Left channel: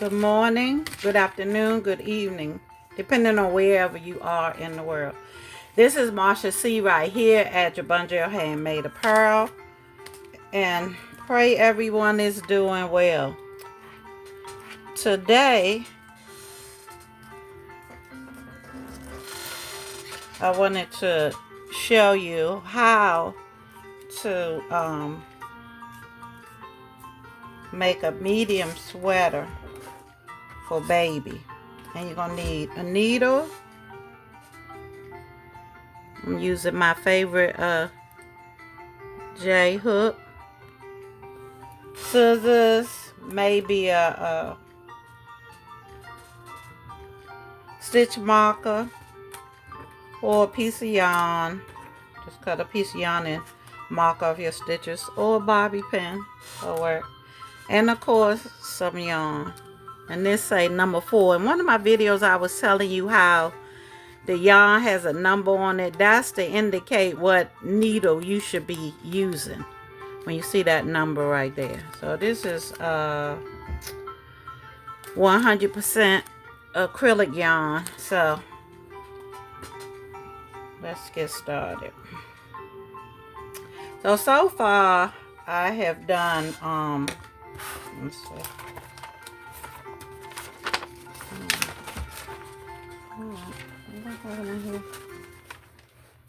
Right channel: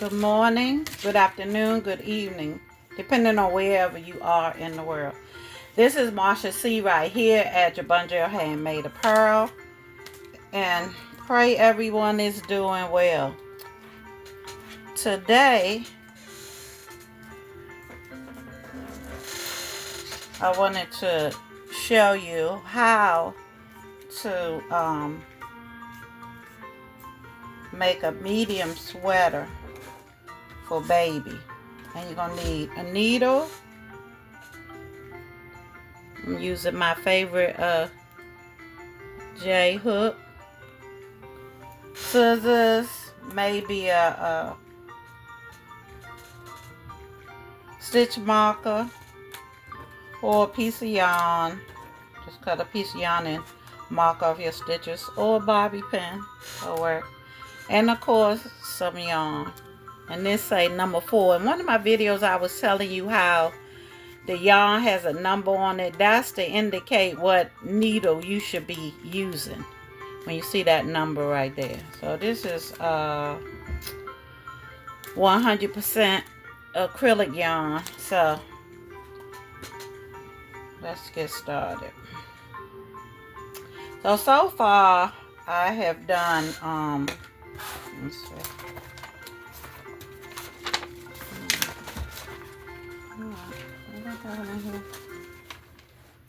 Good morning, good afternoon, good evening, depending on wherever you are in the world. This is Marsha C. right here at JABONGEL Handmade Apparel, and pray everyone is doing well. Today, I wanted to show you how to make a medium sweater for baby. And you're going to need a needle. I'm using my favorite J hook, scissors, maybe a stitch marker, or a piece of yarn. Just cut a piece of yarn and mark off your stitches, or a bobby pin will work. And of course, some yarn. And this say number 4. In one of my videos, I was telling you how the yarn has a number on it. That's to indicate what needle you should be using when you see that number right there. So this is 100% acrylic yarn. So let's get started. So far I have done let's see.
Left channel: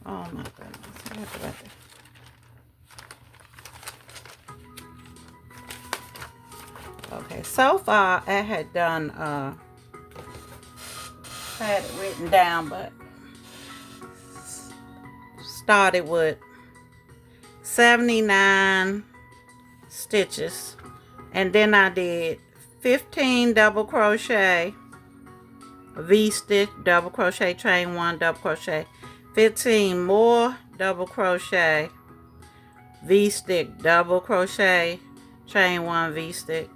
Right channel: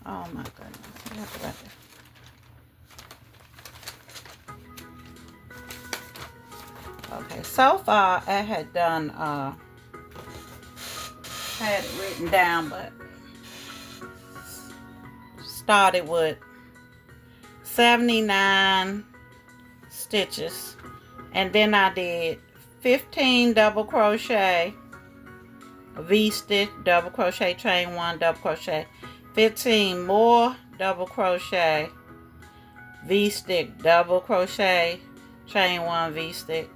Oh my goodness. Okay, so far I had done I had it written down, but started with 79 stitches, and then I did 15 double crochet, V-stitch, double crochet, chain 1, double crochet, 15 more double crochet, V-stitch, double crochet, chain 1, V-stitch,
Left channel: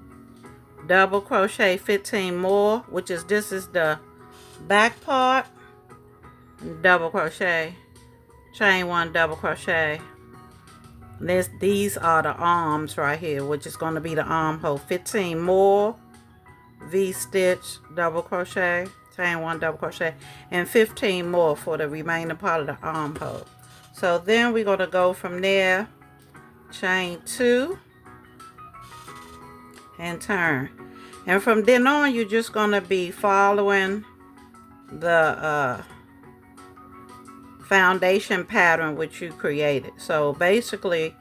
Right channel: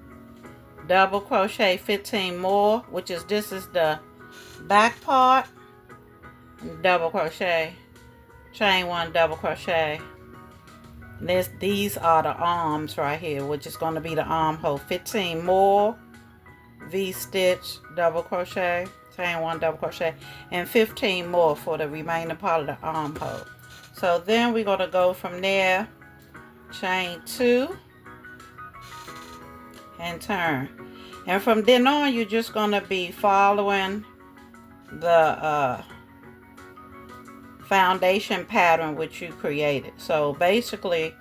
double crochet, 15 more, which is this is the back part, double crochet, chain 1, double crochet. These are the arms right here, which is going to be the armhole. 15 more V-stitch, double crochet, chain 1, double crochet, and 15 more for the remaining part of the armhole. So then we're going to go from there, chain 2 and turn. And from then on, you're just going to be following the foundation pattern which you created. So basically,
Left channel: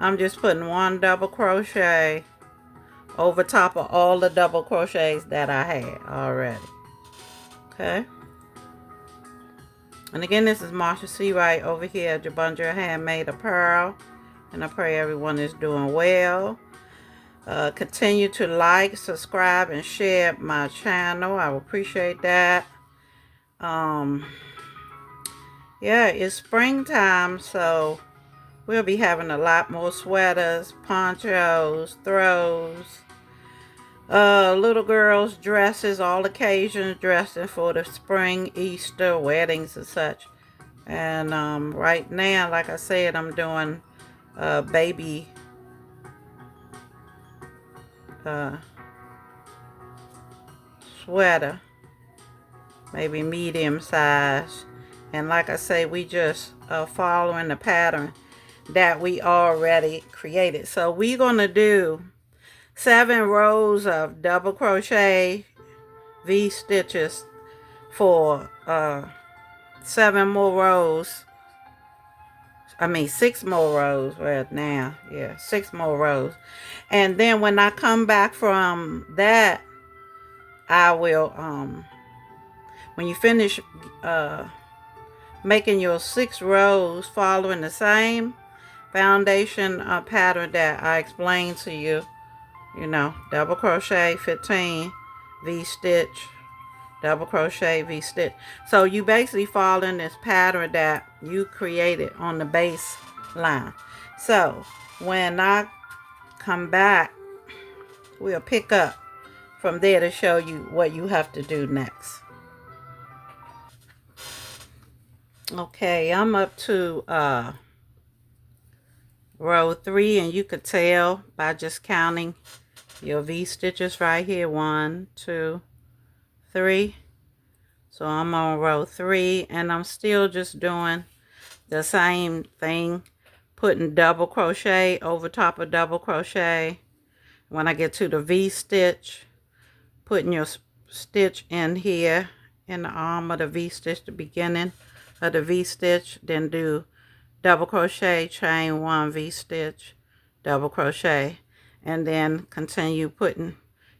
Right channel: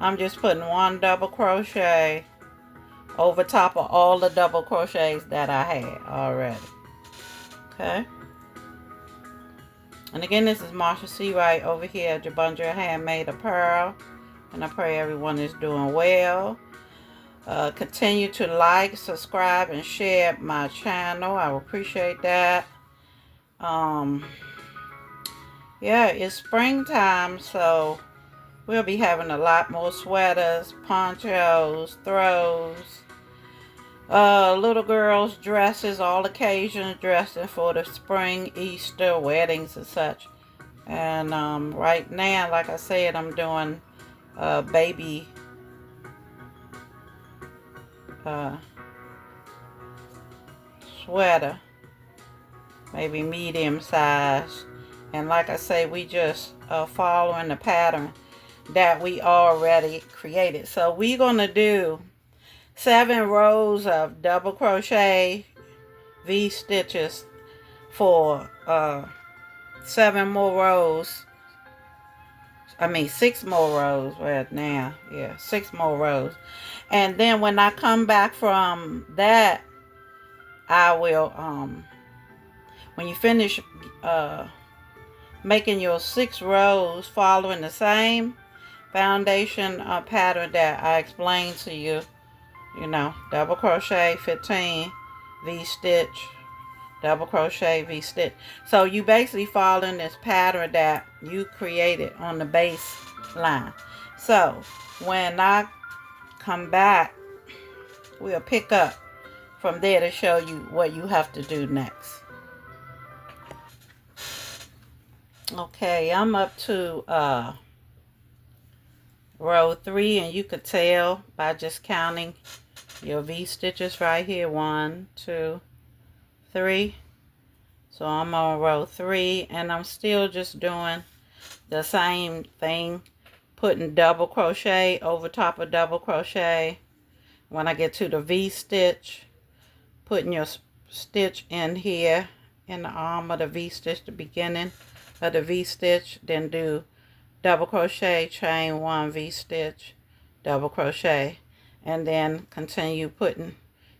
I'm just putting 1 double crochet over top of all the double crochets that I had already. Okay. And again, this is Marsha C. Wright over here at JABONGEL Handmade Apparel, and I pray everyone is doing well. Continue to like, subscribe, and share my channel. I will appreciate that. Yeah, it's springtime, so we'll be having a lot more sweaters, ponchos, throws, little girls' dresses, all occasions dressing for the spring, Easter, weddings, and such. And right now, like I said, I'm doing baby sweater, maybe medium size. And like I say, we just following the pattern that we already created. So we're going to do 7 rows of double crochet V stitches for 7 more rows. I mean 6 more rows right now. Yeah, 6 more rows. And then when I come back from that, I will when you finish making your 6 rows following the same foundation pattern that I explained to you, you know, double crochet, 15 V-stitch, double crochet, V-stitch. So you basically following this pattern that you created on the base line. So when I come back, we'll pick up from there to show you what you have to do next. Okay, I'm up to row 3, and you could tell by just counting your V stitches right here. 1, 2, 3. So I'm on row 3, and I'm still just doing the same thing, putting double crochet over top of double crochet. When I get to the V stitch, putting your stitch in here in the arm of the V stitch, the beginning of the V stitch, then do double crochet, chain 1, V stitch, double crochet, and then continue putting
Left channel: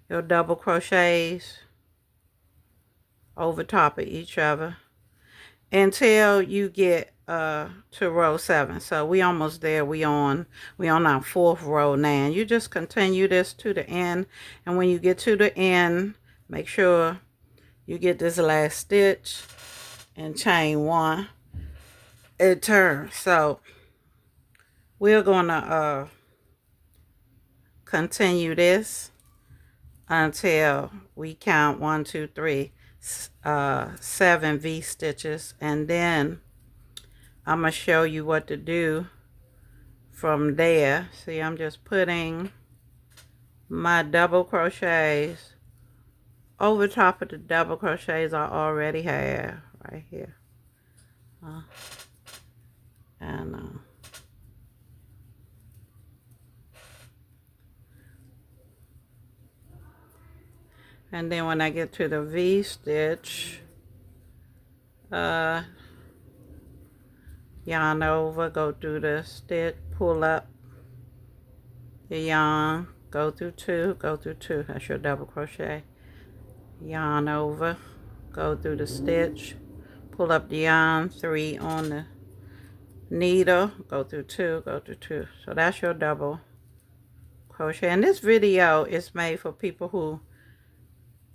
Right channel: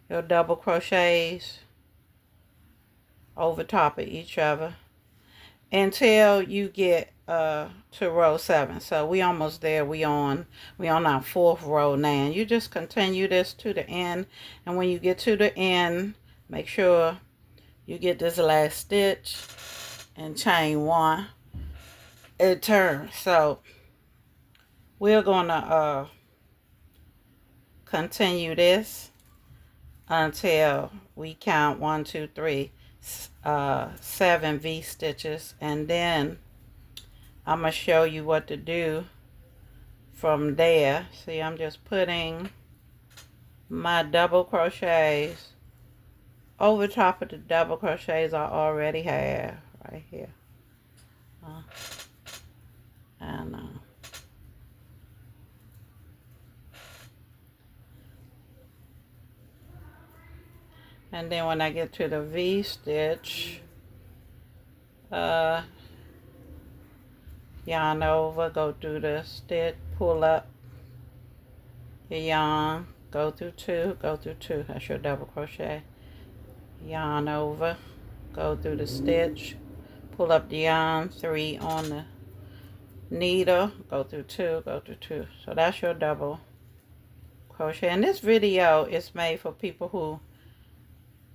your double crochets over top of each other until you get to row 7. So we almost there. We on our 4th row now. You just continue this to the end, and when you get to the end, make sure you get this last stitch and chain 1 and turn. So we're gonna continue this until we count 1, 2, 3, 7 V stitches, and then I'm gonna show you what to do from there. See, I'm just putting my double crochets over top of the double crochets I already have right here. And then when I get to the V stitch, yarn over, go through the stitch, pull up your yarn, go through 2, go through 2. That's your double crochet. Yarn over, go through the stitch, pull up the yarn, 3 on the needle, go through 2, go through 2. So that's your double crochet. And this video is made for people who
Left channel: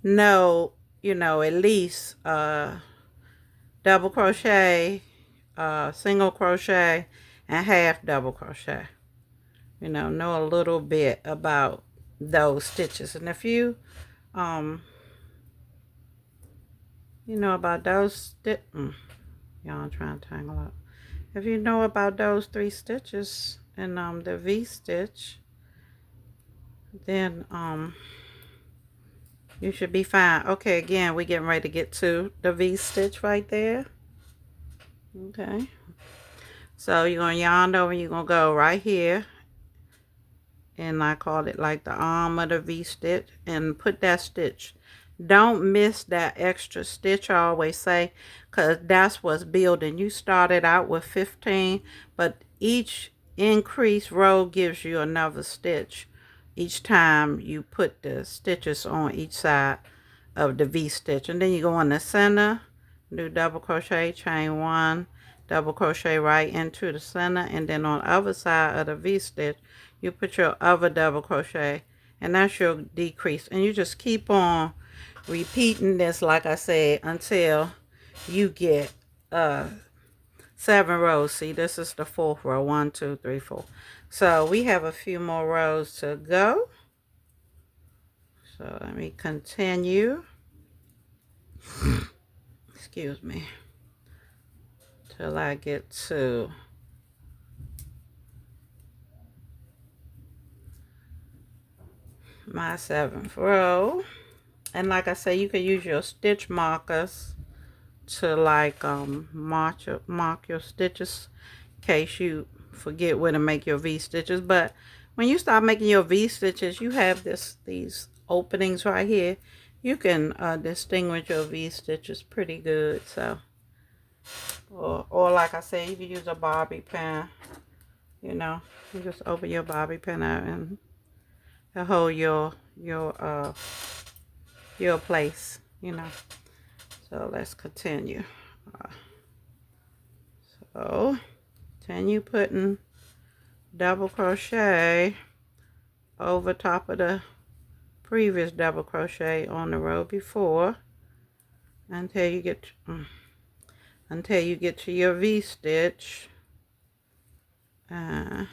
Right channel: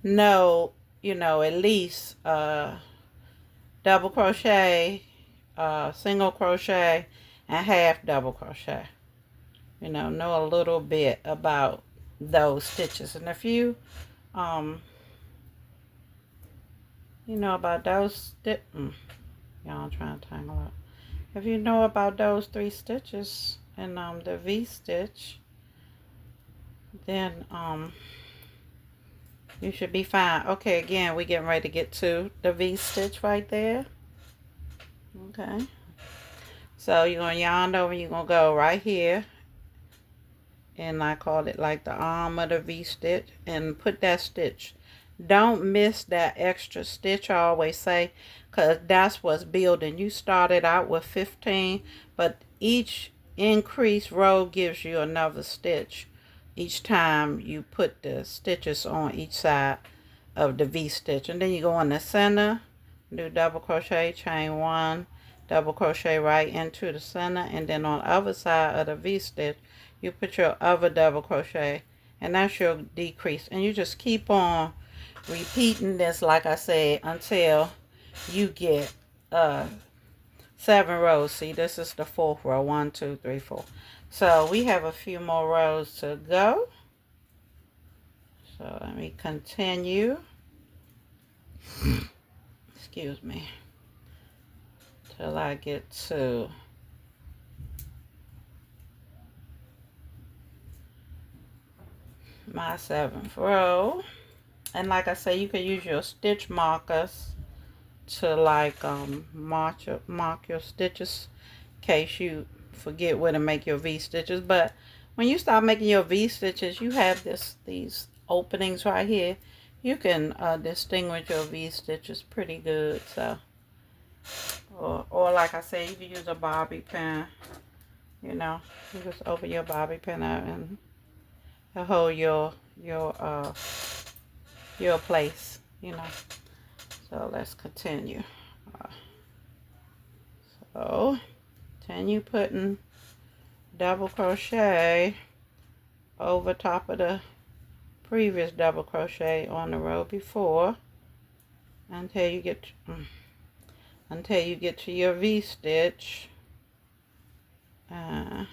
know, you know, at least double crochet, single crochet, and half double crochet. You know a little bit about those stitches. And if you you know about those y'all trying to tangle up. If you know about those 3 stitches and the V stitch, then you should be fine. Okay, again, we're getting ready to get to the V stitch right there. Okay, so you're gonna yarn over, you're gonna go right here, and I call it like the arm of the V stitch, and put that stitch. Don't miss that extra stitch, I always say, because that's what's building. You started out with 15, but each increased row gives you another stitch each time you put the stitches on each side of the V stitch. And then you go in the center, do double crochet, chain 1, double crochet right into the center, and then on the other side of the V stitch you put your other double crochet, and that's your decrease. And you just keep on repeating this, like I said, until you get 7 rows. See, this is the 4th row. 1, 2, 3, 4. So we have a few more rows to go. So let me continue. Excuse me. Till I get to my 7th row. And like I say, you can use your stitch markers to like mark your stitches in case you forget where to make your V stitches. But when you start making your V stitches, you have these openings right here. You can distinguish your V stitches pretty good. So or like I said, you can use a bobby pin. You know, you just open your bobby pin out and hold your place, you know. So let's continue. So continue putting double crochet over top of the previous double crochet on the row before until you get to your V stitch, and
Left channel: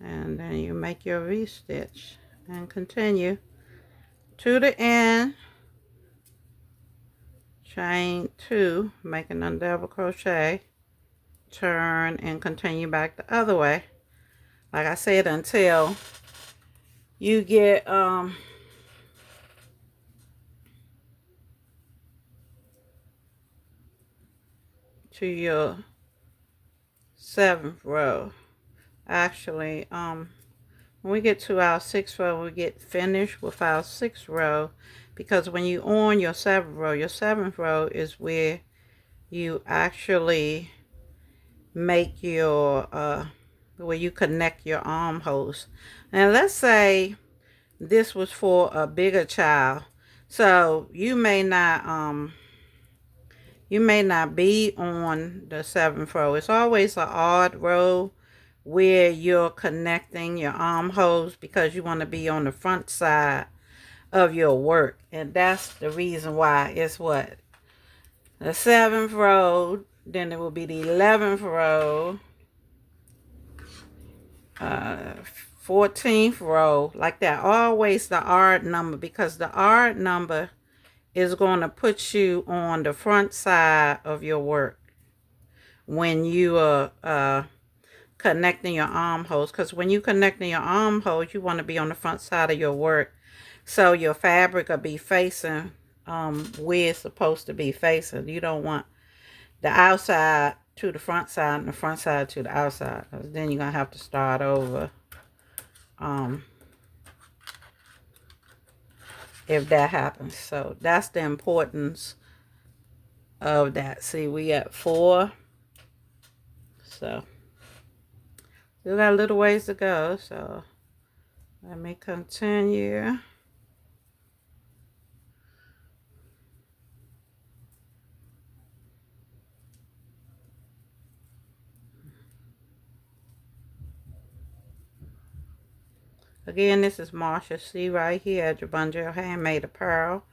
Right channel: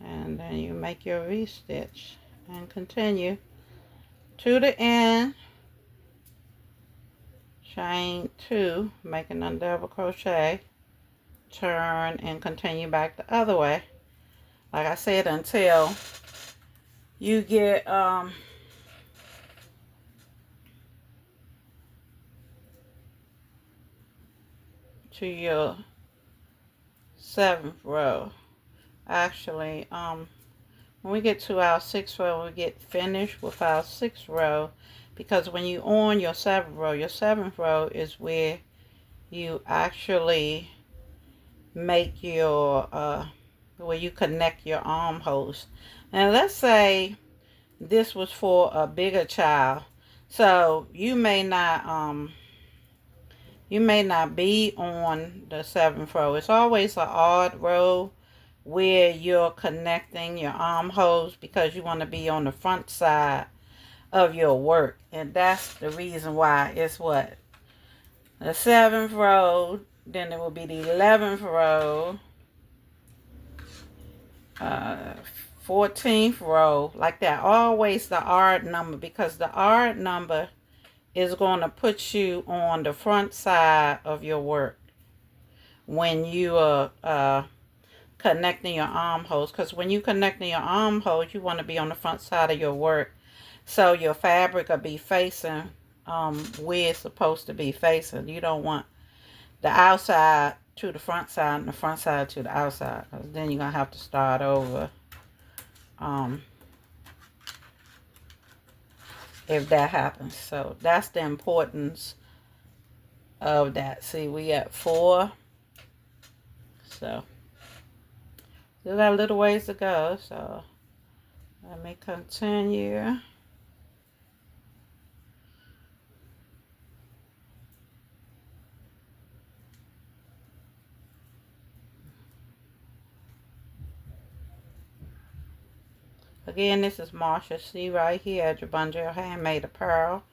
then you make your V stitch and continue to the end, chain 2, making a double crochet, turn and continue back the other way, like I said, until you get to your 7th row. Actually, when we get to our 6th row, we get finished with our 6th row, because when you on your 7th row is where you actually make your where you connect your armholes. And let's say this was for a bigger child, so you may not be on the 7th row. It's always an odd row where you're connecting your armholes, because you want to be on the front side of your work. And that's the reason why it's what? The 7th row, then it will be the 11th row, 14th row, like that. Always the odd number, because the odd number is going to put you on the front side of your work when you are connecting your armholes. Because when you connecting your armholes, you want to be on the front side of your work, so your fabric will be facing where it's supposed to be facing. You don't want the outside to the front side and the front side to the outside, because then you're gonna have to start over if that happens. So that's the importance of that. See, we at 4, so still got a little ways to go. So let me continue. Again, this is Marsha C right here at JABONGEL Handmade Apparel.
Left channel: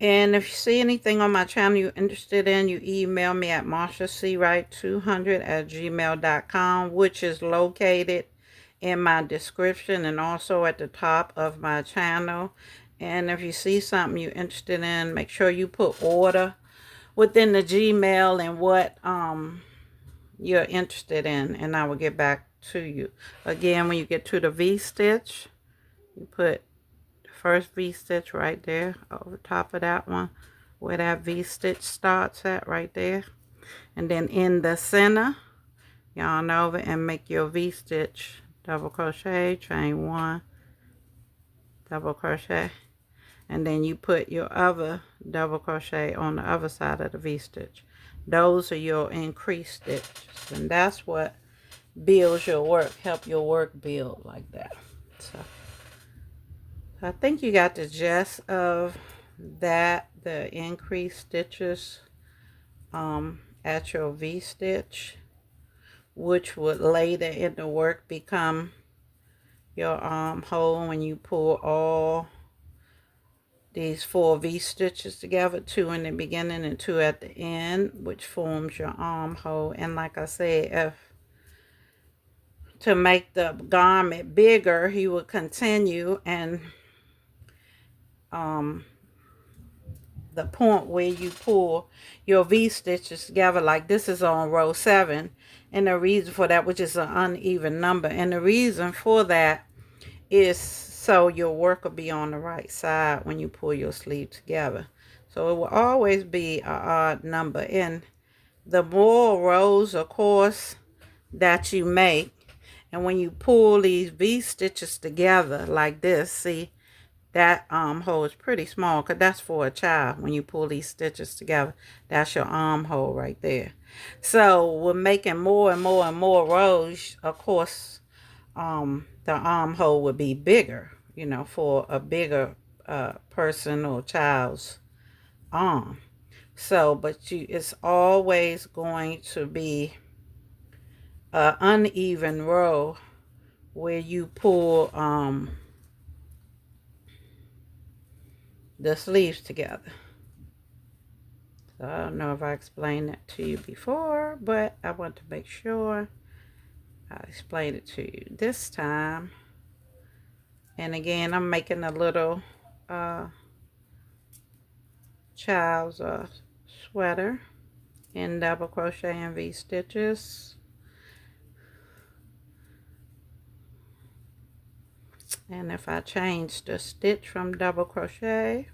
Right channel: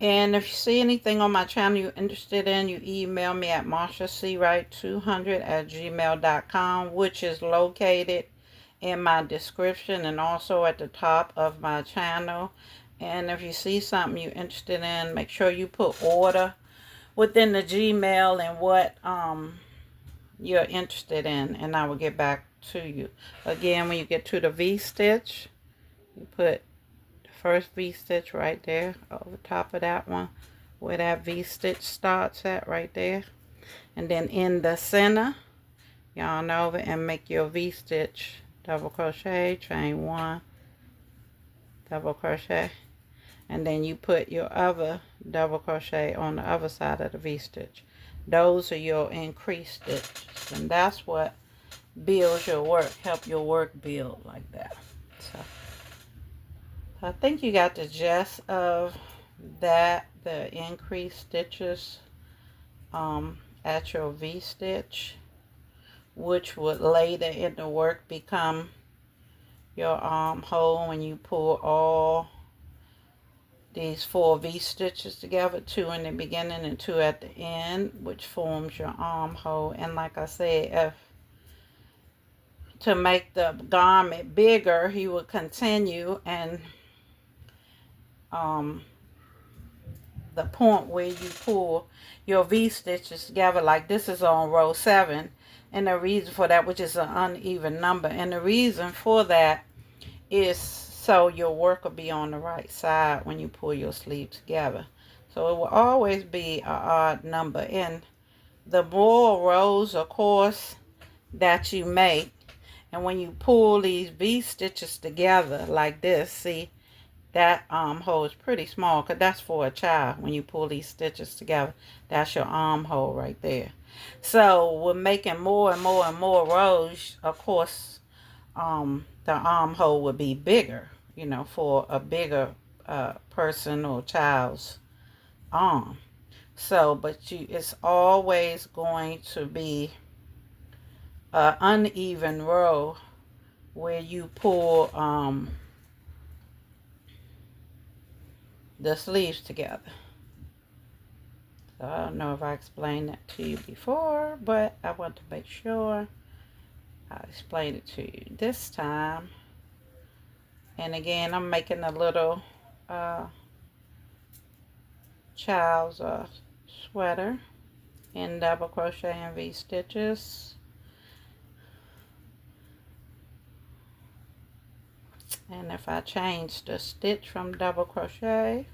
And if you see anything on my channel you're interested in, you email me at MARSHASEAWRIGHT200@gmail.com, which is located in my description and also at the top of my channel. And if you see something you're interested in, make sure you put order within the Gmail and what you're interested in, and I will get back to you. Again, when you get to the V-stitch, you put first V-stitch right there over top of that one where that V-stitch starts at, right there. And then in the center, yarn over and make your V-stitch, double crochet, chain 1, double crochet, and then you put your other double crochet on the other side of the V-stitch. Those are your increased stitches, and that's what builds your work, help your work build like that. So I think you got the gist of that, the increased stitches at your V-stitch, which would later in the work become your armhole when you pull all these 4 V-stitches together, 2 in the beginning and 2 at the end, which forms your armhole. And like I said, if to make the garment bigger, you would continue, and the point where you pull your V-stitches together, like this is on row 7, and the reason for that, which is an uneven number, and the reason for that is so your work will be on the right side when you pull your sleeve together. So it will always be an odd number, and the more rows, of course, that you make, and when you pull these V-stitches together like this, see, that armhole is pretty small, because that's for a child. When you pull these stitches together, that's your armhole right there. So we're making more and more and more rows. Of course, the armhole would be bigger, you know, for a bigger person or child's arm. So, but it's always going to be an uneven row where you pull the sleeves together. So I don't know if I explained that to you before, but I want to make sure I explain it to you this time. And again, I'm making a little child's sweater in double crochet and V stitches. And if I change the stitch from double crochet,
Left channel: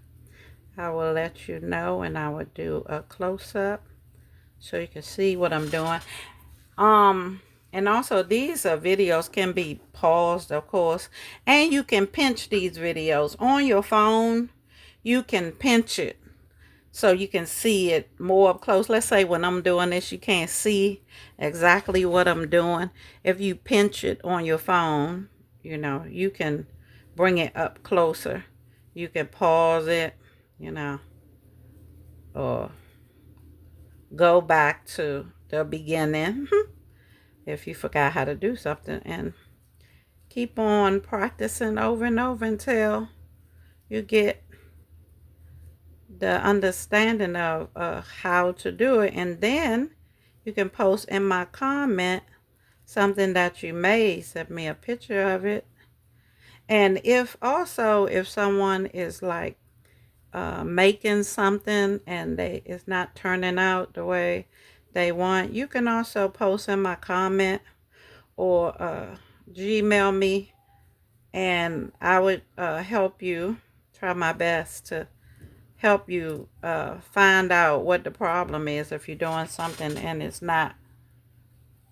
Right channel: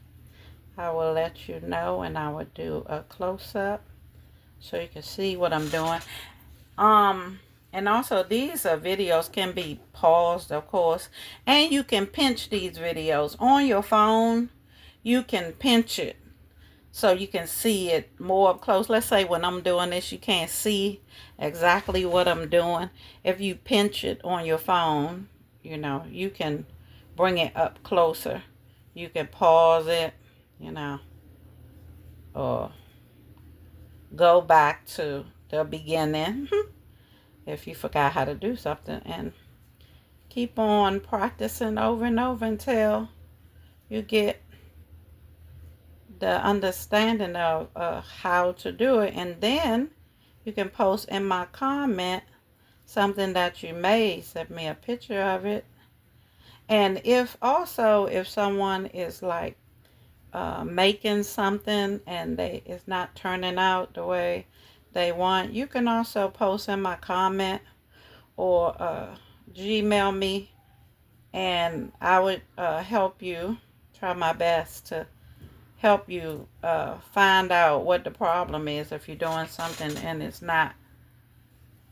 I will let you know, and I will do a close-up so you can see what I'm doing. And also these videos can be paused, of course, and you can pinch these videos on your phone. You can pinch it so you can see it more up close. Let's say when I'm doing this, you can't see exactly what I'm doing. If you pinch it on your phone, you know, you can bring it up closer. You can pause it, you know, or go back to the beginning if you forgot how to do something, and keep on practicing over and over until you get the understanding of how to do it. And then you can post in my comment something that you made. Send me a picture of it. And if someone is like making something and it's not turning out the way they want, you can also post in my comment or Gmail me, and I would help you, try my best to help you find out what the problem is if you're doing something and it's not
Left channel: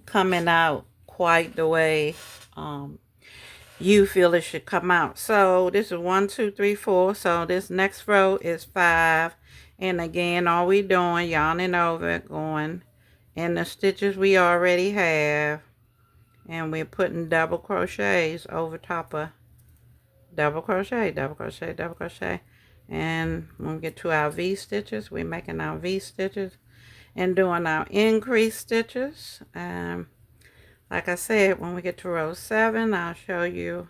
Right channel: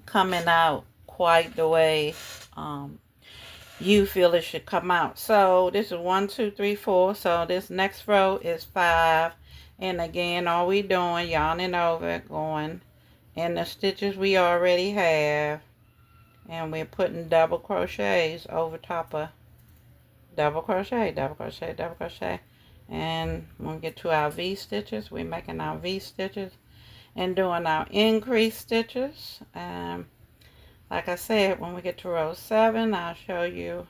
coming out quite the way you feel it should come out. So this is 1, 2, 3, 4. So this next row is 5. And again, all we doing, yarning over, going in the stitches we already have, and we're putting double crochets over top of double crochet, double crochet, double crochet. And when we get to our V stitches, we're making our V stitches and doing our increase stitches. Like I said, when we get to row 7, I'll show you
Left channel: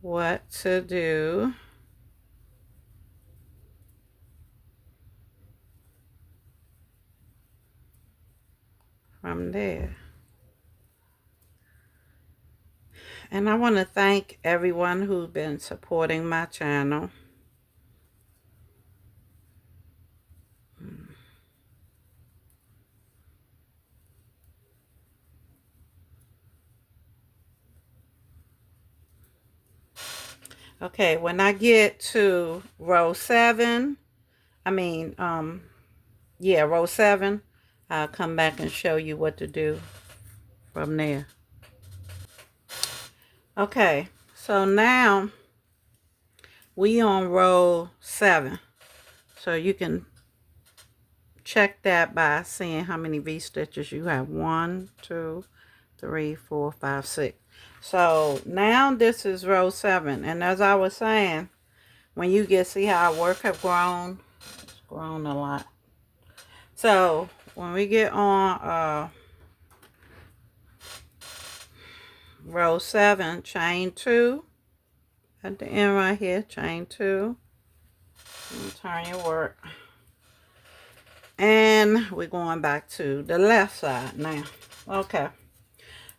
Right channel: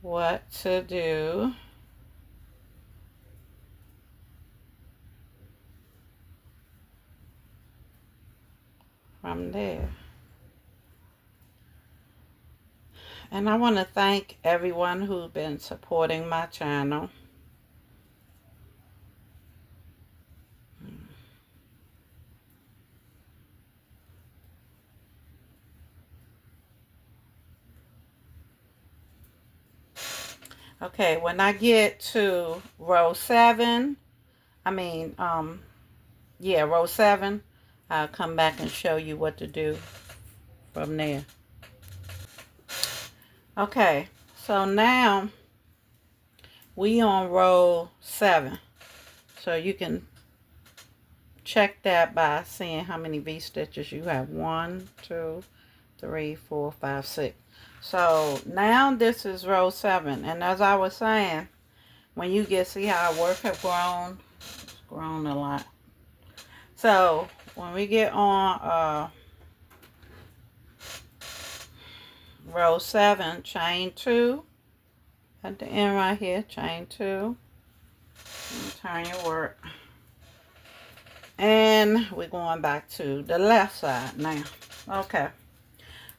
what to do. From there. And I want to thank everyone who's been supporting my channel. Okay, when I get to row 7, row 7, I'll come back and show you what to do from there. Okay, so now we on row 7. So you can check that by seeing how many V stitches you have. 1, 2, 3, 4, 5, 6. So now this is row 7, and as I was saying, when you see how our work have grown, it's grown a lot. So when we get on row 7, chain 2 at the end right here, chain 2, and turn your work, and we're going back to the left side now. Okay,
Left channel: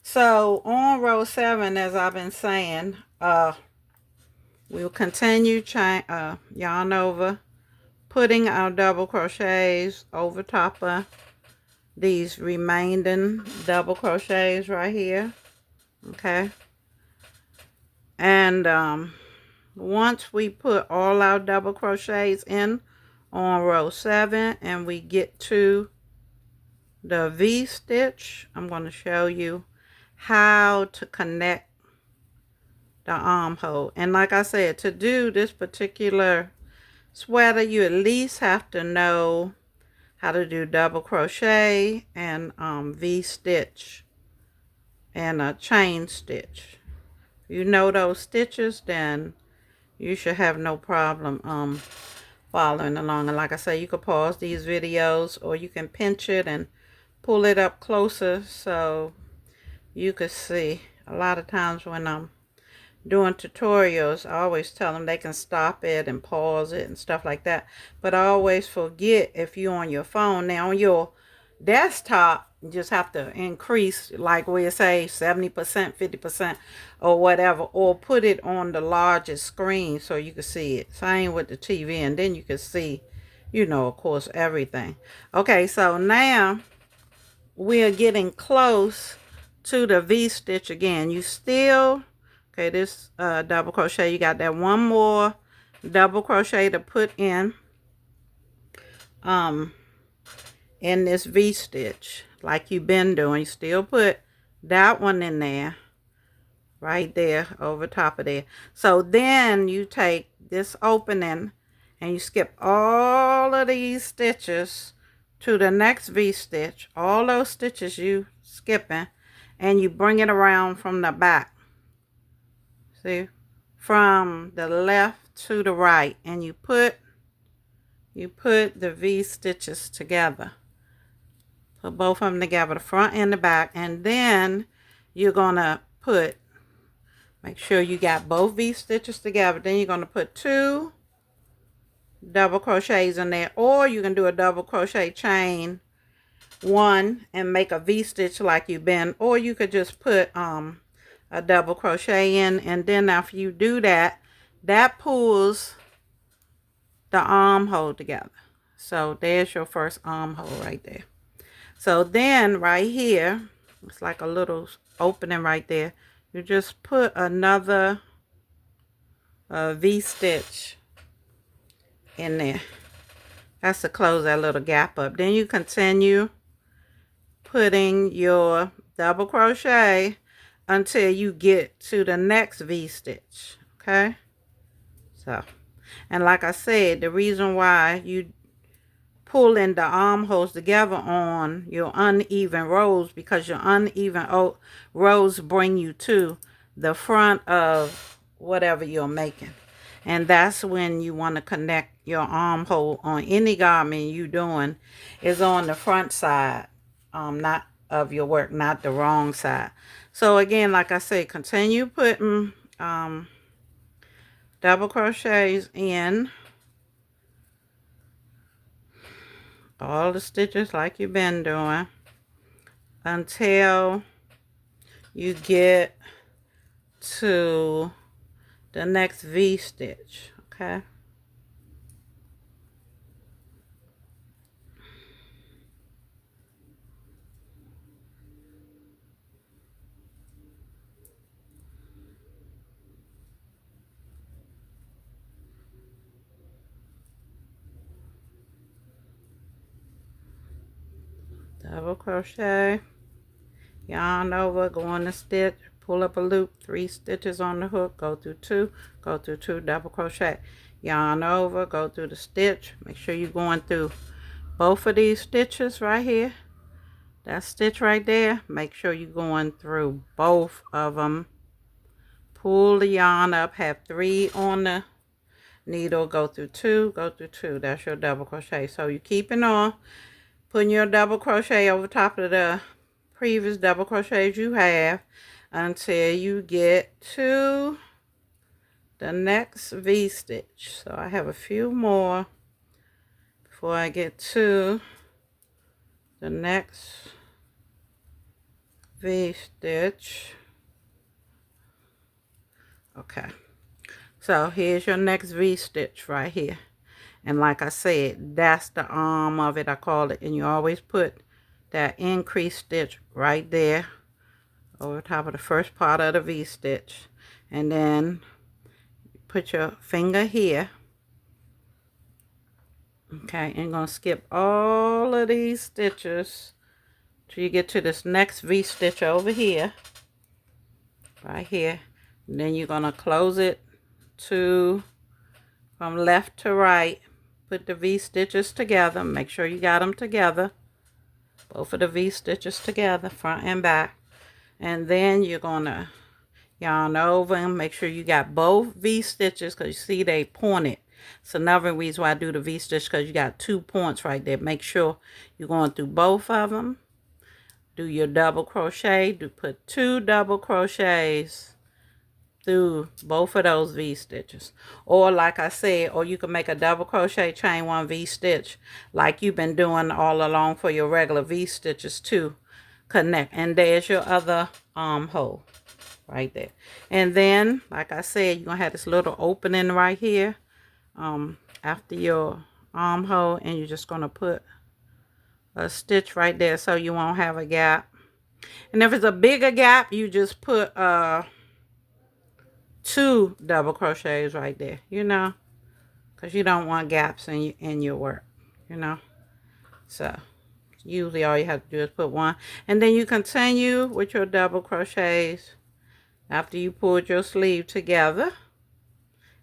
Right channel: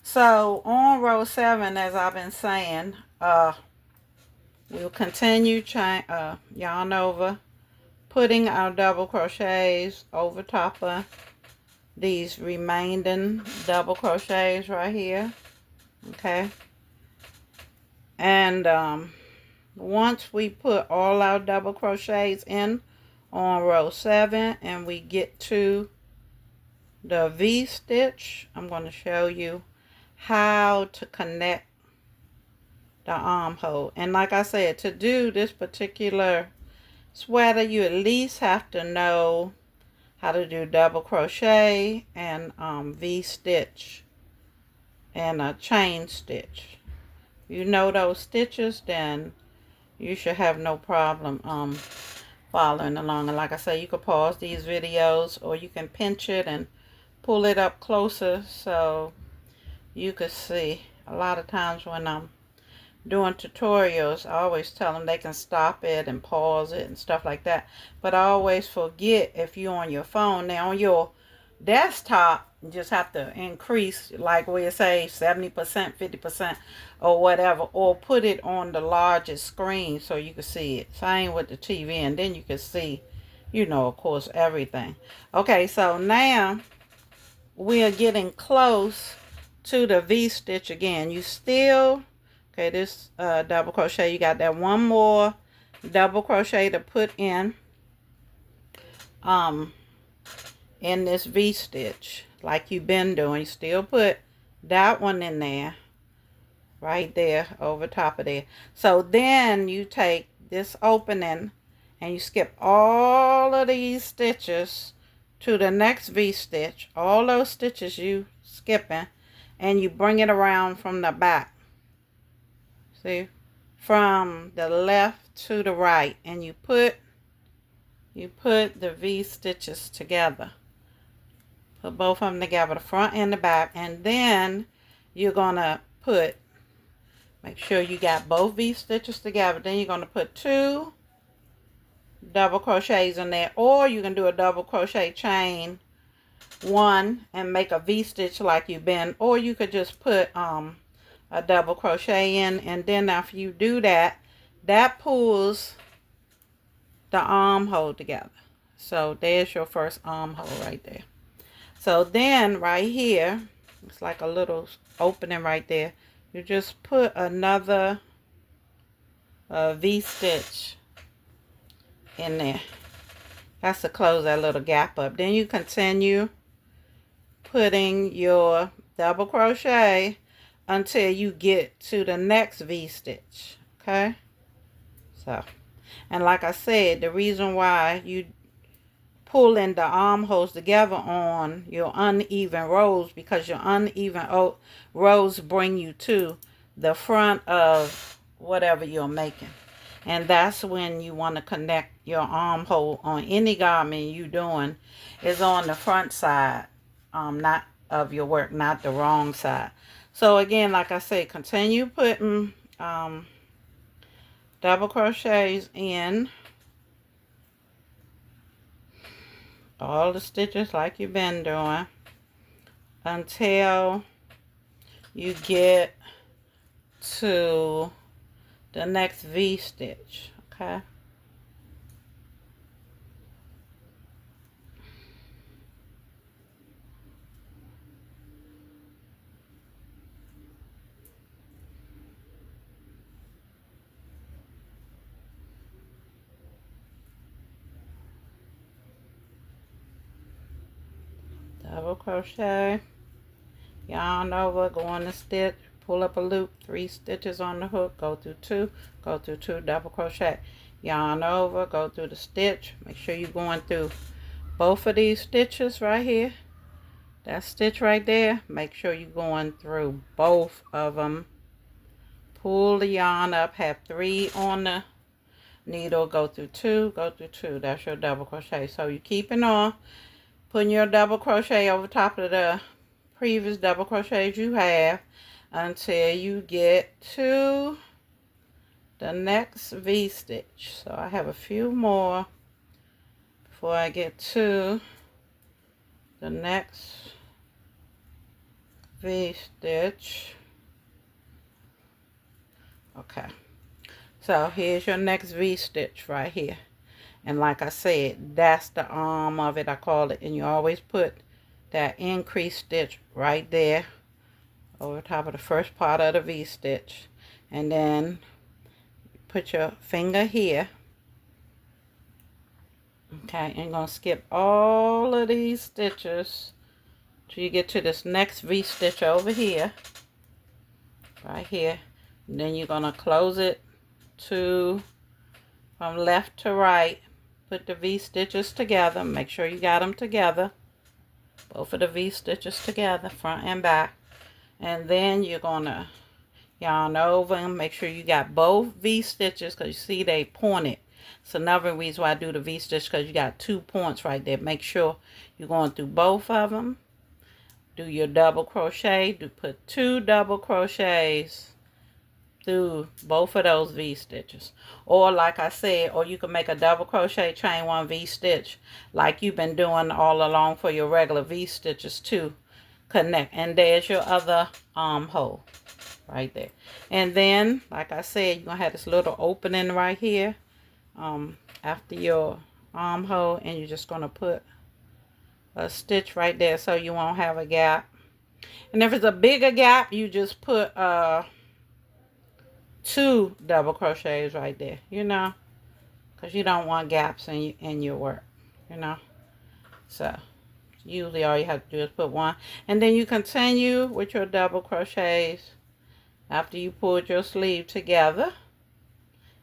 so on row 7, as I've been saying, we'll continue yarn over, putting our double crochets over top of these remaining double crochets right here. Okay, and once we put all our double crochets in on row 7 and we get to the V stitch, I'm going to show you how to connect the armhole. And like I said, to do this particular sweater, you at least have to know how to do double crochet and V stitch and a chain stitch. You know those stitches, then you should have no problem following along. And like I say, you could pause these videos, or you can pinch it and pull it up closer so you could see. A lot of times when I'm doing tutorials, I always tell them they can stop it and pause it and stuff like that, but I always forget if you're on your phone. Now on your desktop, you just have to increase, like we say 70%, 50%, or whatever, or put it on the largest screen so you can see it. Same with the TV, and then you can see, you know, of course, everything. Okay, so now we are getting close to the V stitch again. You still Okay, this double crochet, you got that one more double crochet to put in this V-stitch like you've been doing. Still put that one in there, right there over top of there. So then you take this opening and you skip all of these stitches to the next V-stitch, all those stitches you skipping, and you bring it around from the back. See, from the left to the right, and you put the V stitches together. Put both of them together, the front and the back, and then you're gonna put, make sure you got both V stitches together. Then you're gonna put 2 double crochets in there, or you can do a double crochet chain 1 and make a V stitch like you've been, or you could just put a double crochet in, and then after you do that, that pulls the armhole together. So there's your first armhole right there. So then right here, it's like a little opening right there. You just put another V-stitch in there. That's to close that little gap up. Then you continue putting your double crochet until you get to the next V-stitch. Okay? So, and like I said, the reason why you pulling the armholes together on your uneven rows, because your uneven rows bring you to the front of whatever you're making, and that's when you want to connect your armhole on any garment you doing is on the front side, not of your work, not the wrong side. So again, like I said, continue putting double crochets in all the stitches like you've been doing until you get to the next V stitch. Okay, double crochet, yarn over, go in the stitch, pull up a loop, 3 stitches on the hook, go through 2, go through 2, double crochet, yarn over, go through the stitch. Make sure you're going through both of these stitches right here, that stitch right there. Make sure you're going through both of them. Pull the yarn up, have 3 on the needle, go through 2, go through 2. That's your double crochet. So you're keeping on putting your double crochet over top of the previous double crochets you have until you get to the next V stitch. So I have a few more before I get to the next V stitch. Okay, so here's your next V stitch right here, and like I said, that's the arm of it, I call it, and you always put that increased stitch right there over top of the first part of the V stitch, and then put your finger here. Okay, and you're gonna skip all of these stitches till you get to this next V stitch over here, right here, and then you're gonna close it to from left to right. Put the V stitches together, make sure you got them together, both of the V stitches together, front and back, and then you're gonna yarn over and make sure you got both V stitches, because you see they pointed. So another reason why I do the V stitch, because you got 2 points right there. Make sure you're going through both of them. Do your double crochet, put 2 double crochets through both of those V stitches, or like I said, or you can make a double crochet, chain 1 V stitch like you've been doing all along for your regular V stitches to connect. And there's your other armhole right there. And then like I said, you're gonna have this little opening right here after your armhole, and you're just gonna put a stitch right there so you won't have a gap. And if it's a bigger gap, you just put 2 double crochets right there, you know, because you don't want gaps in your work, you know. So usually all you have to do is put 1, and then you continue with your double crochets. After you pulled your sleeve together,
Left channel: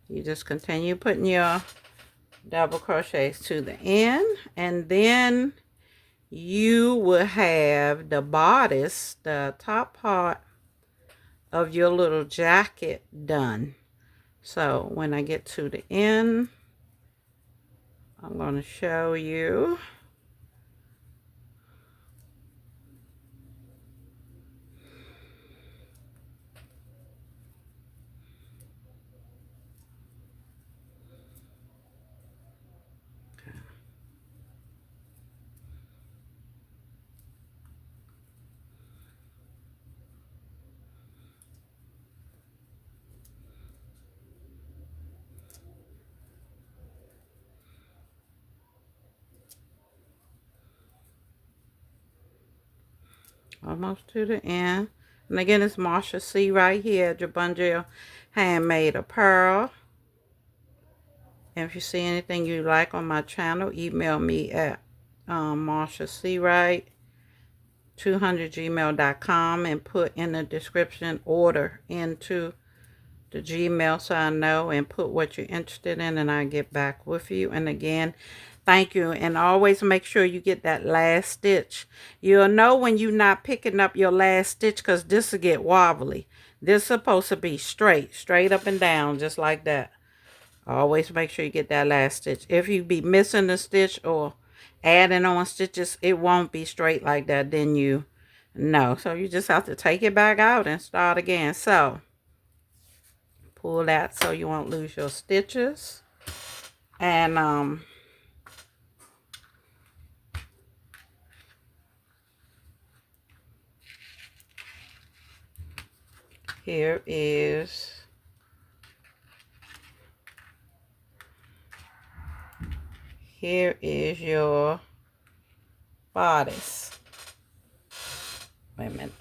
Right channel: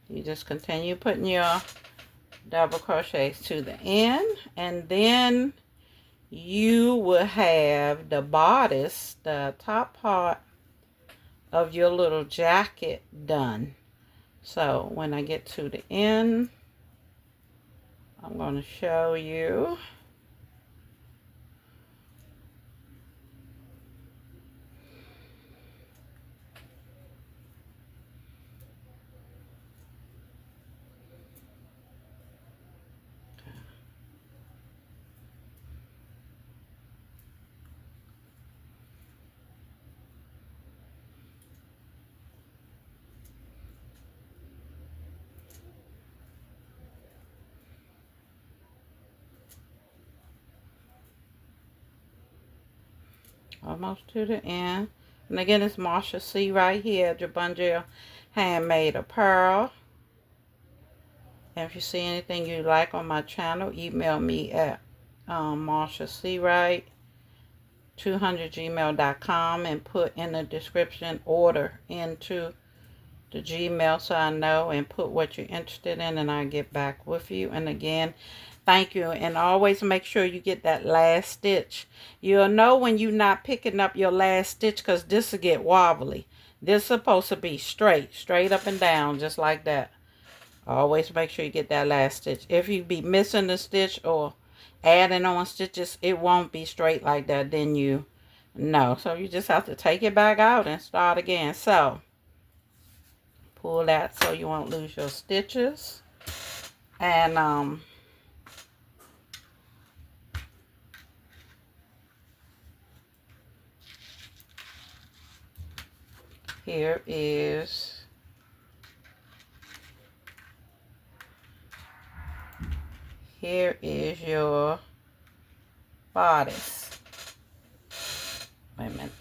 you just continue putting your double crochets to the end, and then you will have the bodice, the top part of your little jacket done. So when I get to the end, I'm going to show you. Almost to the end. And again, it's Marsha C right here, JABONGEL Handmade Apparel. And if you see anything you like on my channel, email me at MARSHASEAWRIGHT200@gmail.com and put in the description order into the Gmail so I know, and put what you're interested in, and I'll get back with you. And again, thank you. And always make sure you get that last stitch. You'll know when you're not picking up your last stitch, because this will get wobbly. This is supposed to be straight up and down, just like that. Always make sure you get that last stitch. If you be missing a stitch or adding on stitches, it won't be straight like that. Then you know. So you just have to take it back out and start again. So pull that so you won't lose your stitches. And here is your bodice. Wait a minute.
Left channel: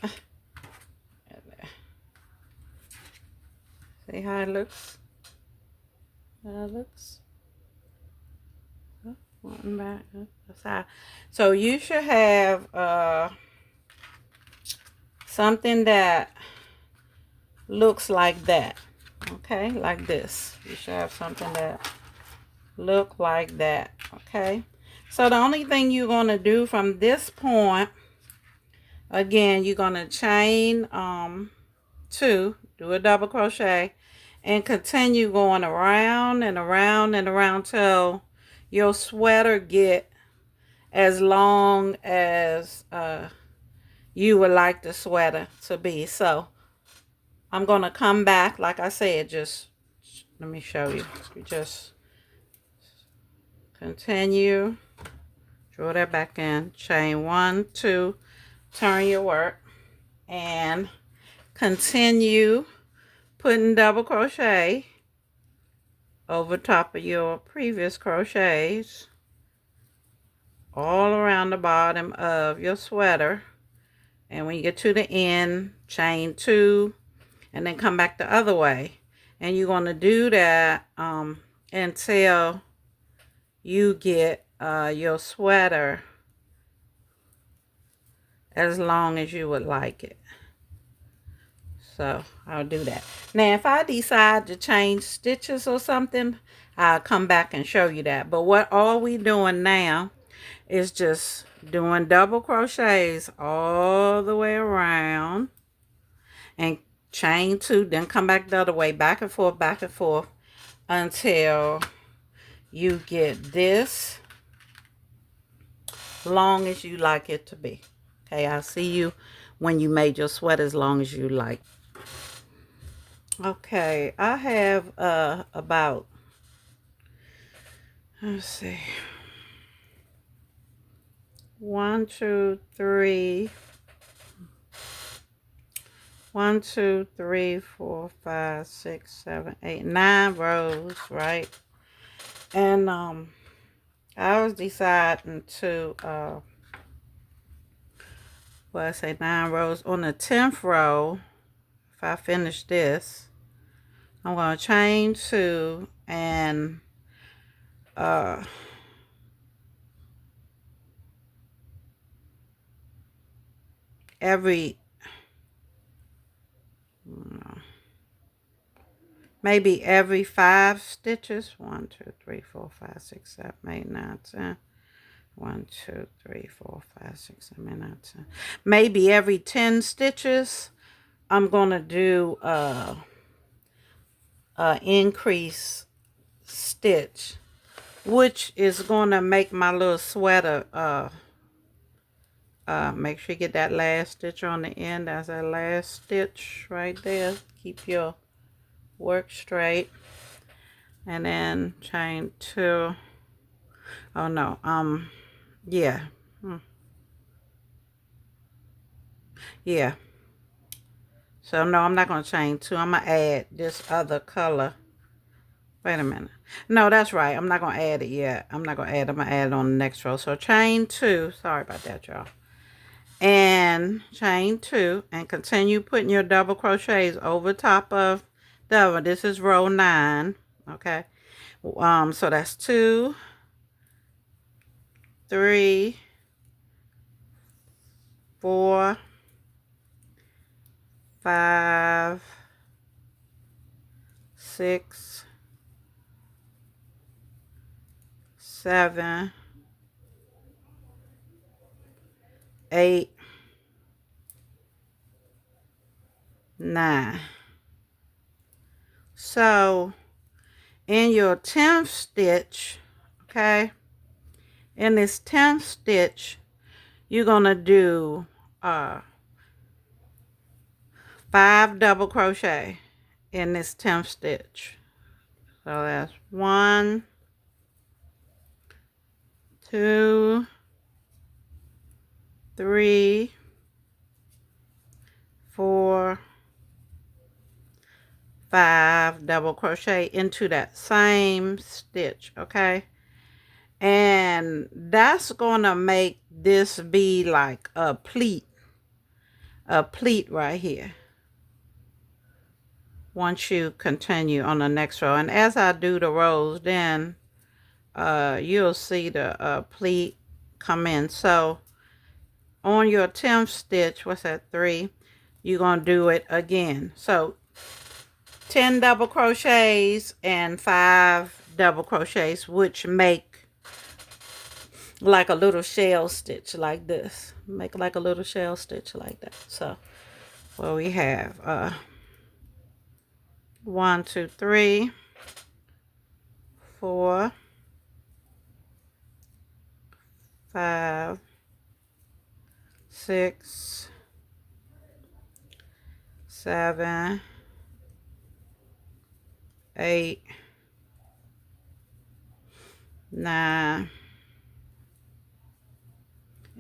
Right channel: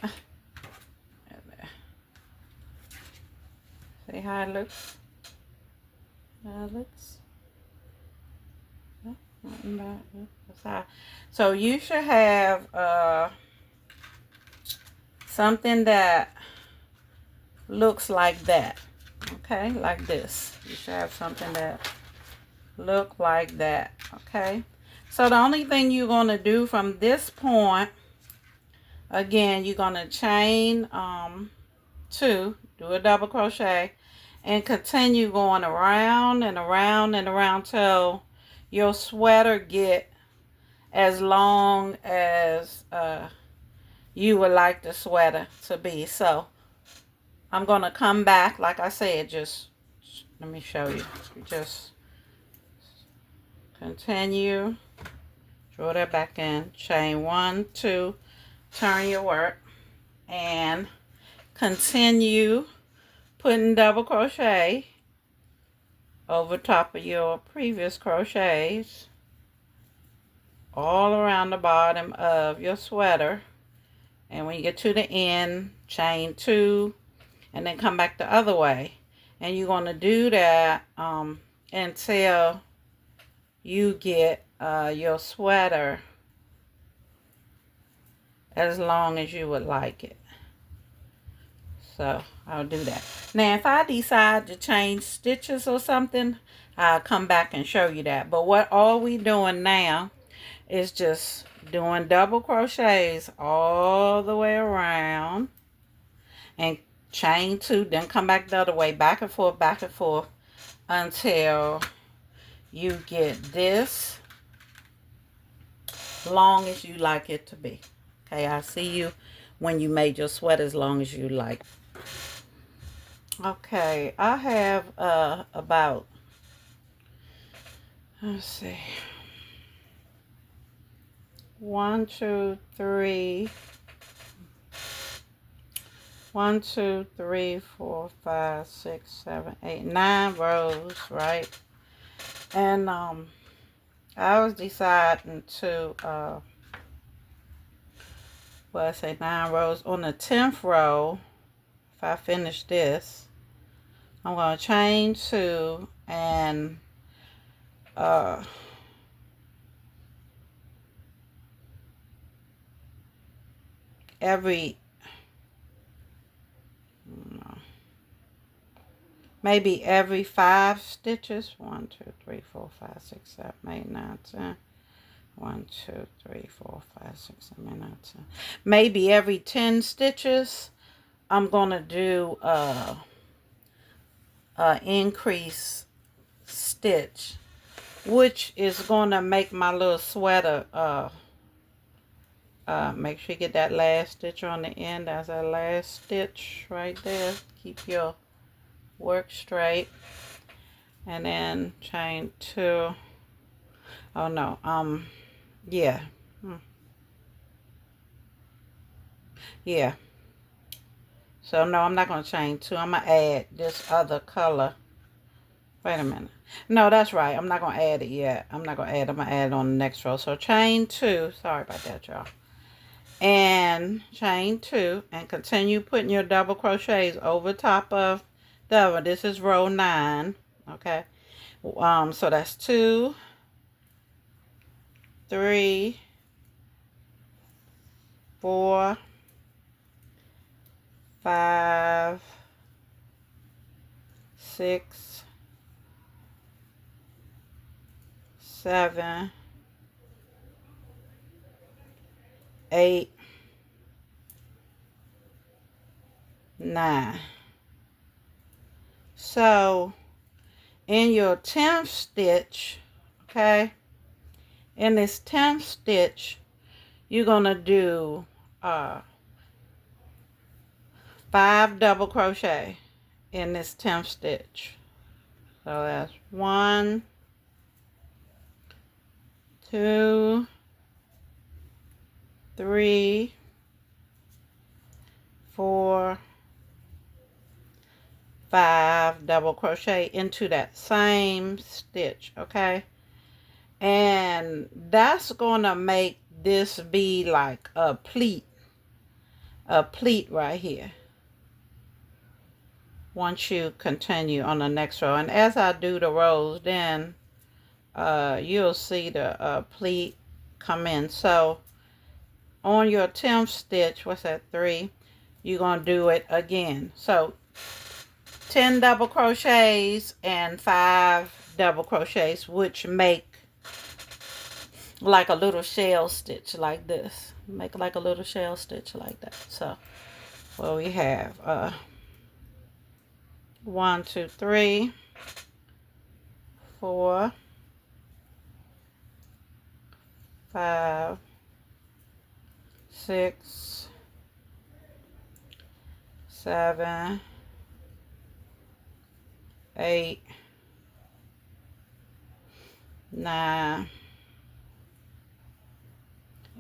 See how it looks? How it looks? So you should have something that looks like that. Okay, like this. You should have something that look like that. Okay, so the only thing you're going to do from this point, again, you're going to chain 2, do a double crochet, and continue going around and around and around till your sweater get as long as you would like the sweater to be. So I'm going to come back, like I said, just let me show you. You just continue, draw that back in, chain 1, 2, turn your work, and continue putting double crochet over top of your previous crochets all around the bottom of your sweater. And when you get to the end, chain 2, and then come back the other way. And you're going to do that until you get your sweater as long as you would like it. So I'll do that. Now if I decide to change stitches or something, I'll come back and show you that. But what all we doing now is just doing double crochets all the way around, and chain 2, then come back the other way, back and forth until you get this long as you like it to be. Okay, I'll see you when you made your sweater as long as you like. Okay, I have about, let's see, 1, 2, 3, 1, 2, 3, 4, 5, 6, 7, 8, 9 rows, right? And I was deciding to well, I say 9 rows. On the 10th row, if I finish this, I'm going to chain 2 and maybe every 5 stitches. 1, 2, 3, 4, 5, 6, 7, 8, 9, 10. 1, 2, 3, 4, 5, 6, 7, 8, 9, 10. Maybe every 10 stitches, I'm going to do increase stitch, which is going to make my little sweater, make sure you get that last stitch on the end. That's that last stitch right there. Keep your work straight. And then chain 2. Oh no, yeah. Yeah. So no, I'm not going to chain 2. I'm going to add this other color. Wait a minute. No, that's right. I'm not going to add it yet. I'm not going to add it. I'm going to add it on the next row. So chain 2. Sorry about that, y'all. And chain 2. And continue putting your double crochets over top of the other. This is row 9. Okay. So that's 2, 3, 4, 5, 6, 7, 8, 9. So in your 10th stitch, okay, in this 10th stitch, you're going to do 5 double crochet in this 10th stitch. So that's 1, 2, 3, 4, 5 double crochet into that same stitch, okay? And that's gonna make this be like a pleat right here once you continue on the next row. And as I do the rows, then you'll see the pleat come in. So on your 10th stitch, what's that, 3, you're gonna do it again. So 10 double crochets and 5 double crochets, which make like a little shell stitch like this. Make like a little shell stitch like that. So well, we have 1, 2, 3, 4, 5, 6, 7, 8, 9,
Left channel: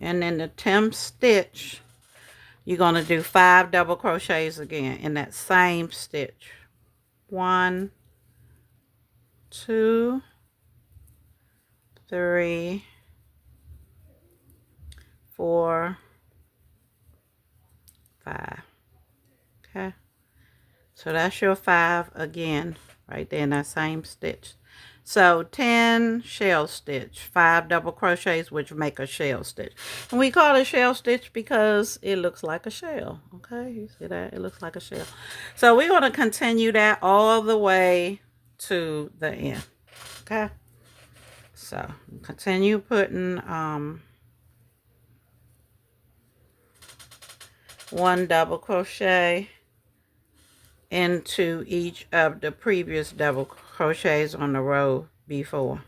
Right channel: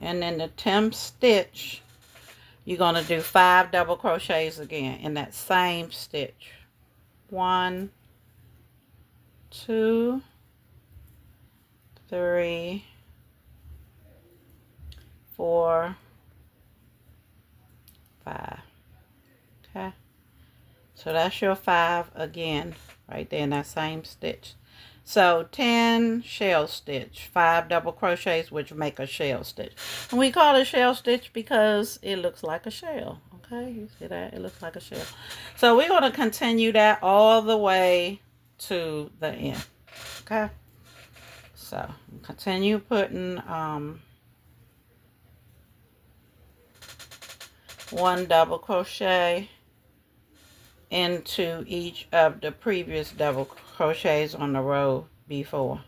and in the 10th stitch, you're going to do 5 double crochets again in that same stitch. 1, 2, 3, 4, 5. Okay, so that's your 5 again right there in that same stitch. So 10 shell stitch, 5 double crochets, which make a shell stitch. And we call it shell stitch because it looks like a shell. Okay, you see that? It looks like a shell. So we're going to continue that all the way to the end. Okay, so continue putting 1 double crochet into each of the previous double crochets on the row before.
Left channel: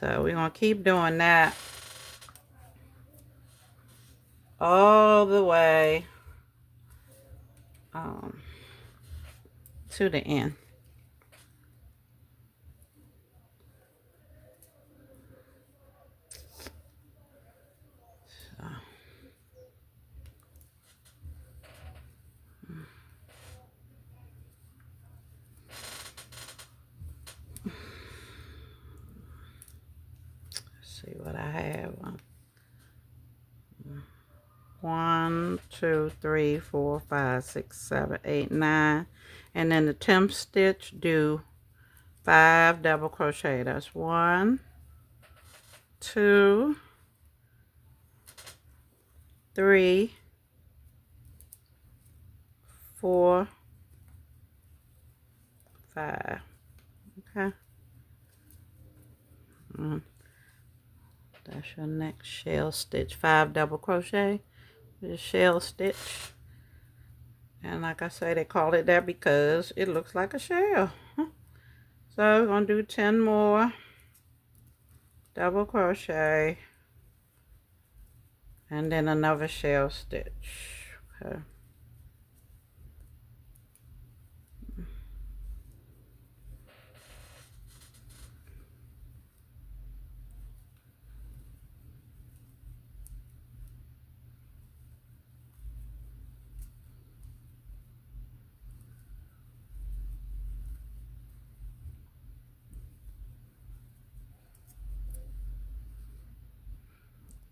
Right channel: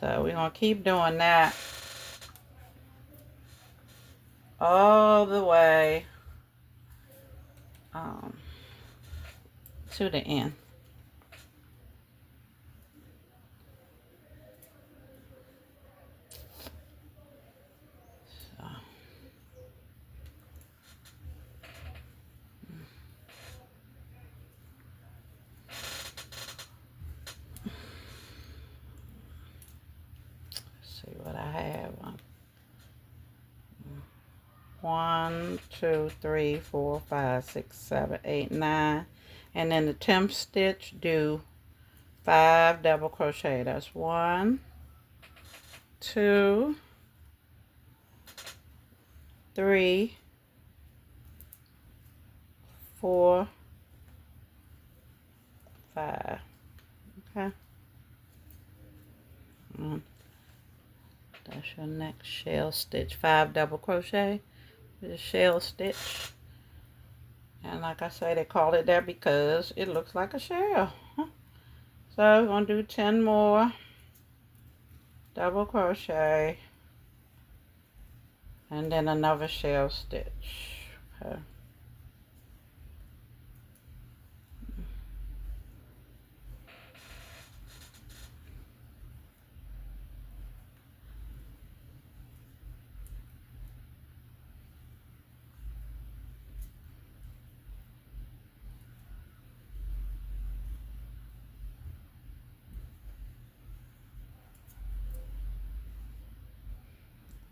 So we're going to keep doing that all the way to the end. So. See what I have. 1, 2, 3, 4, 5, 6, 7, 8, 9. and then the 10th stitch do 5 double crochet. That's 1, 2, 3, 4, 5. Okay. That's your next shell stitch. 5 double crochet with a shell stitch. And like I say, they call it that because it looks like a shell. So we're going to do 10 more double crochet. And then another shell stitch. Okay.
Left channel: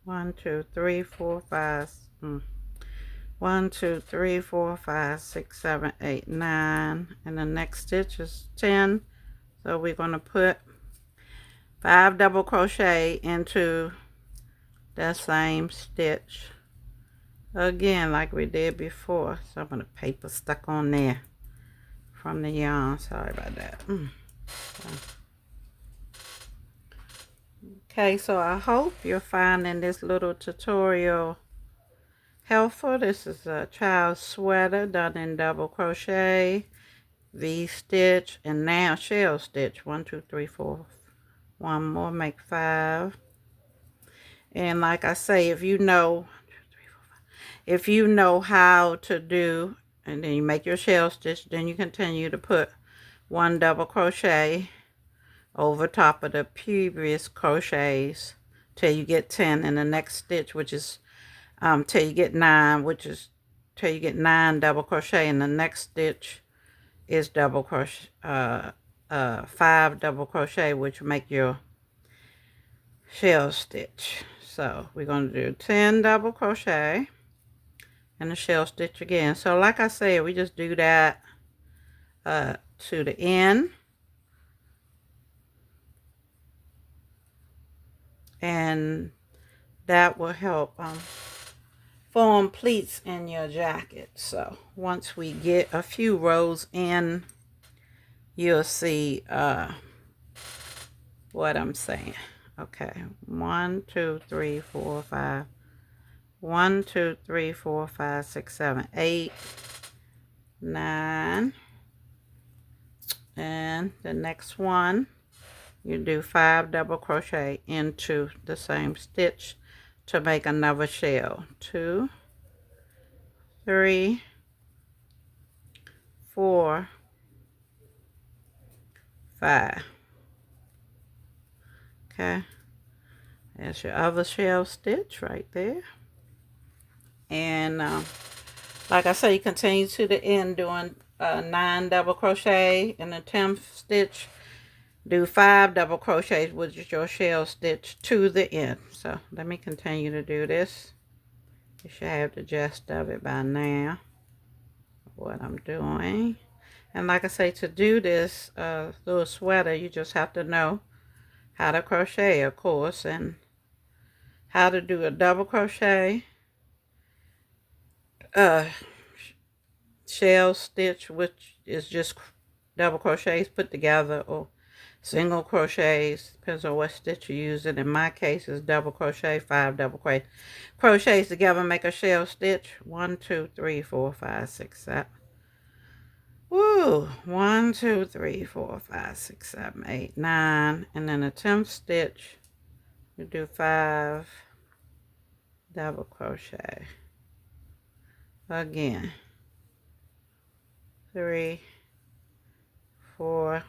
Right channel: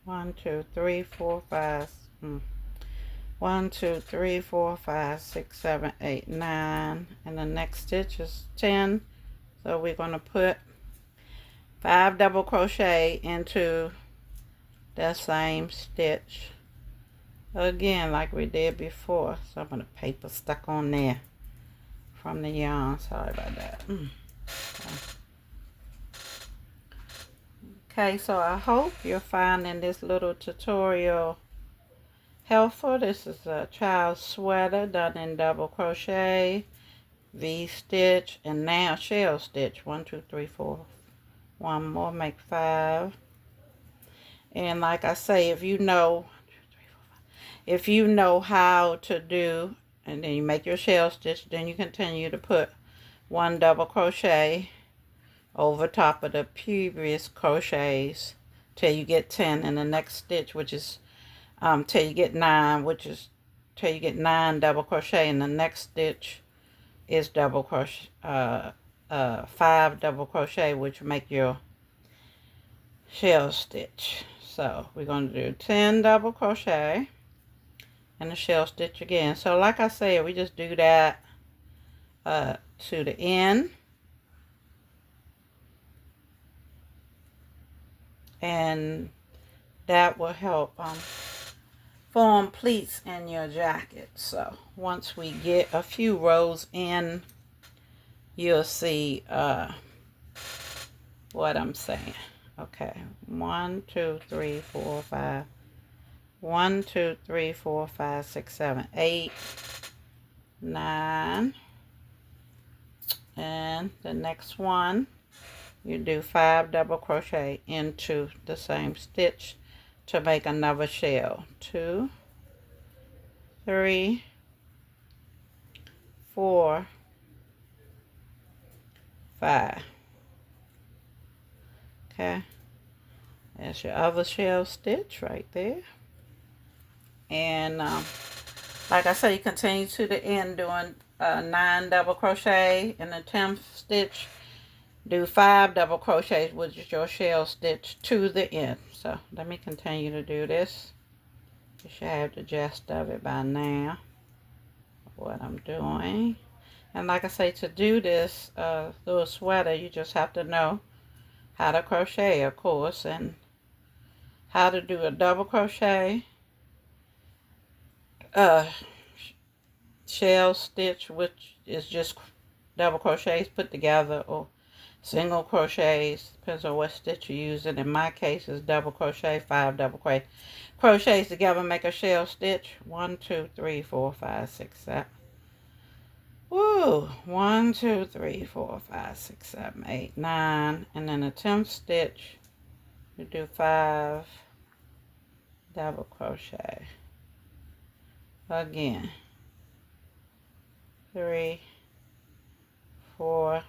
One, two, three, four, five. 1, 2, 3, 4, 5, 6, 7, 8, 9. And the next stitch is 10. So we're going to put 5 double crochet into that same stitch again like we did before. So I'm going to paper stuck on there from the yarn. Sorry about that. Okay, so I hope you're finding this little tutorial helpful. This is a child's sweater done in double crochet, V-stitch, and now shell stitch. 1, 2, 3, 4. One more, make 5. And like I say, if you know how to do, and then you make your shell stitch, then you continue to put 1 double crochet over top of the previous crochets till you get 10 in the next stitch, which is till you get 9, which is till you get 9 double crochet, and the next stitch is double crochet, 5 double crochet, which will make your shell stitch. So we're going to do 10 double crochet and a shell stitch again. So like I said, we just do that to the end, and that will help form pleats in your jacket. So once we get a few rows in, you'll see what I'm saying. Okay, 1, 2, 3, 4, 5. 1, 2, 3, 4, 5, 6, 7, 8, 9. And the next one, you do 5 double crochet into the same stitch to make another shell. 2, 3, 4, 5. Okay, that's your other shell stitch right there. And like I said, you continue to the end doing 9 double crochet in the 10th stitch. Do 5 double crochets, which is your shell stitch, to the end. So let me continue to do this. You should have the gist of it by now, what I'm doing. And like I say, to do this little sweater, you just have to know how to crochet, of course, and how to do a double crochet, shell stitch, which is just double crochets put together, or single crochets, depends on what stitch you're using. In my case, is double crochet, 5 double crochets together make a shell stitch. 1, 2, 3, 4, 5, 6, 7. Woo! 1, 2, 3, 4, 5, 6, 7, 8, 9. And then the 10th stitch, you do 5 double crochet. Again. 3, 4,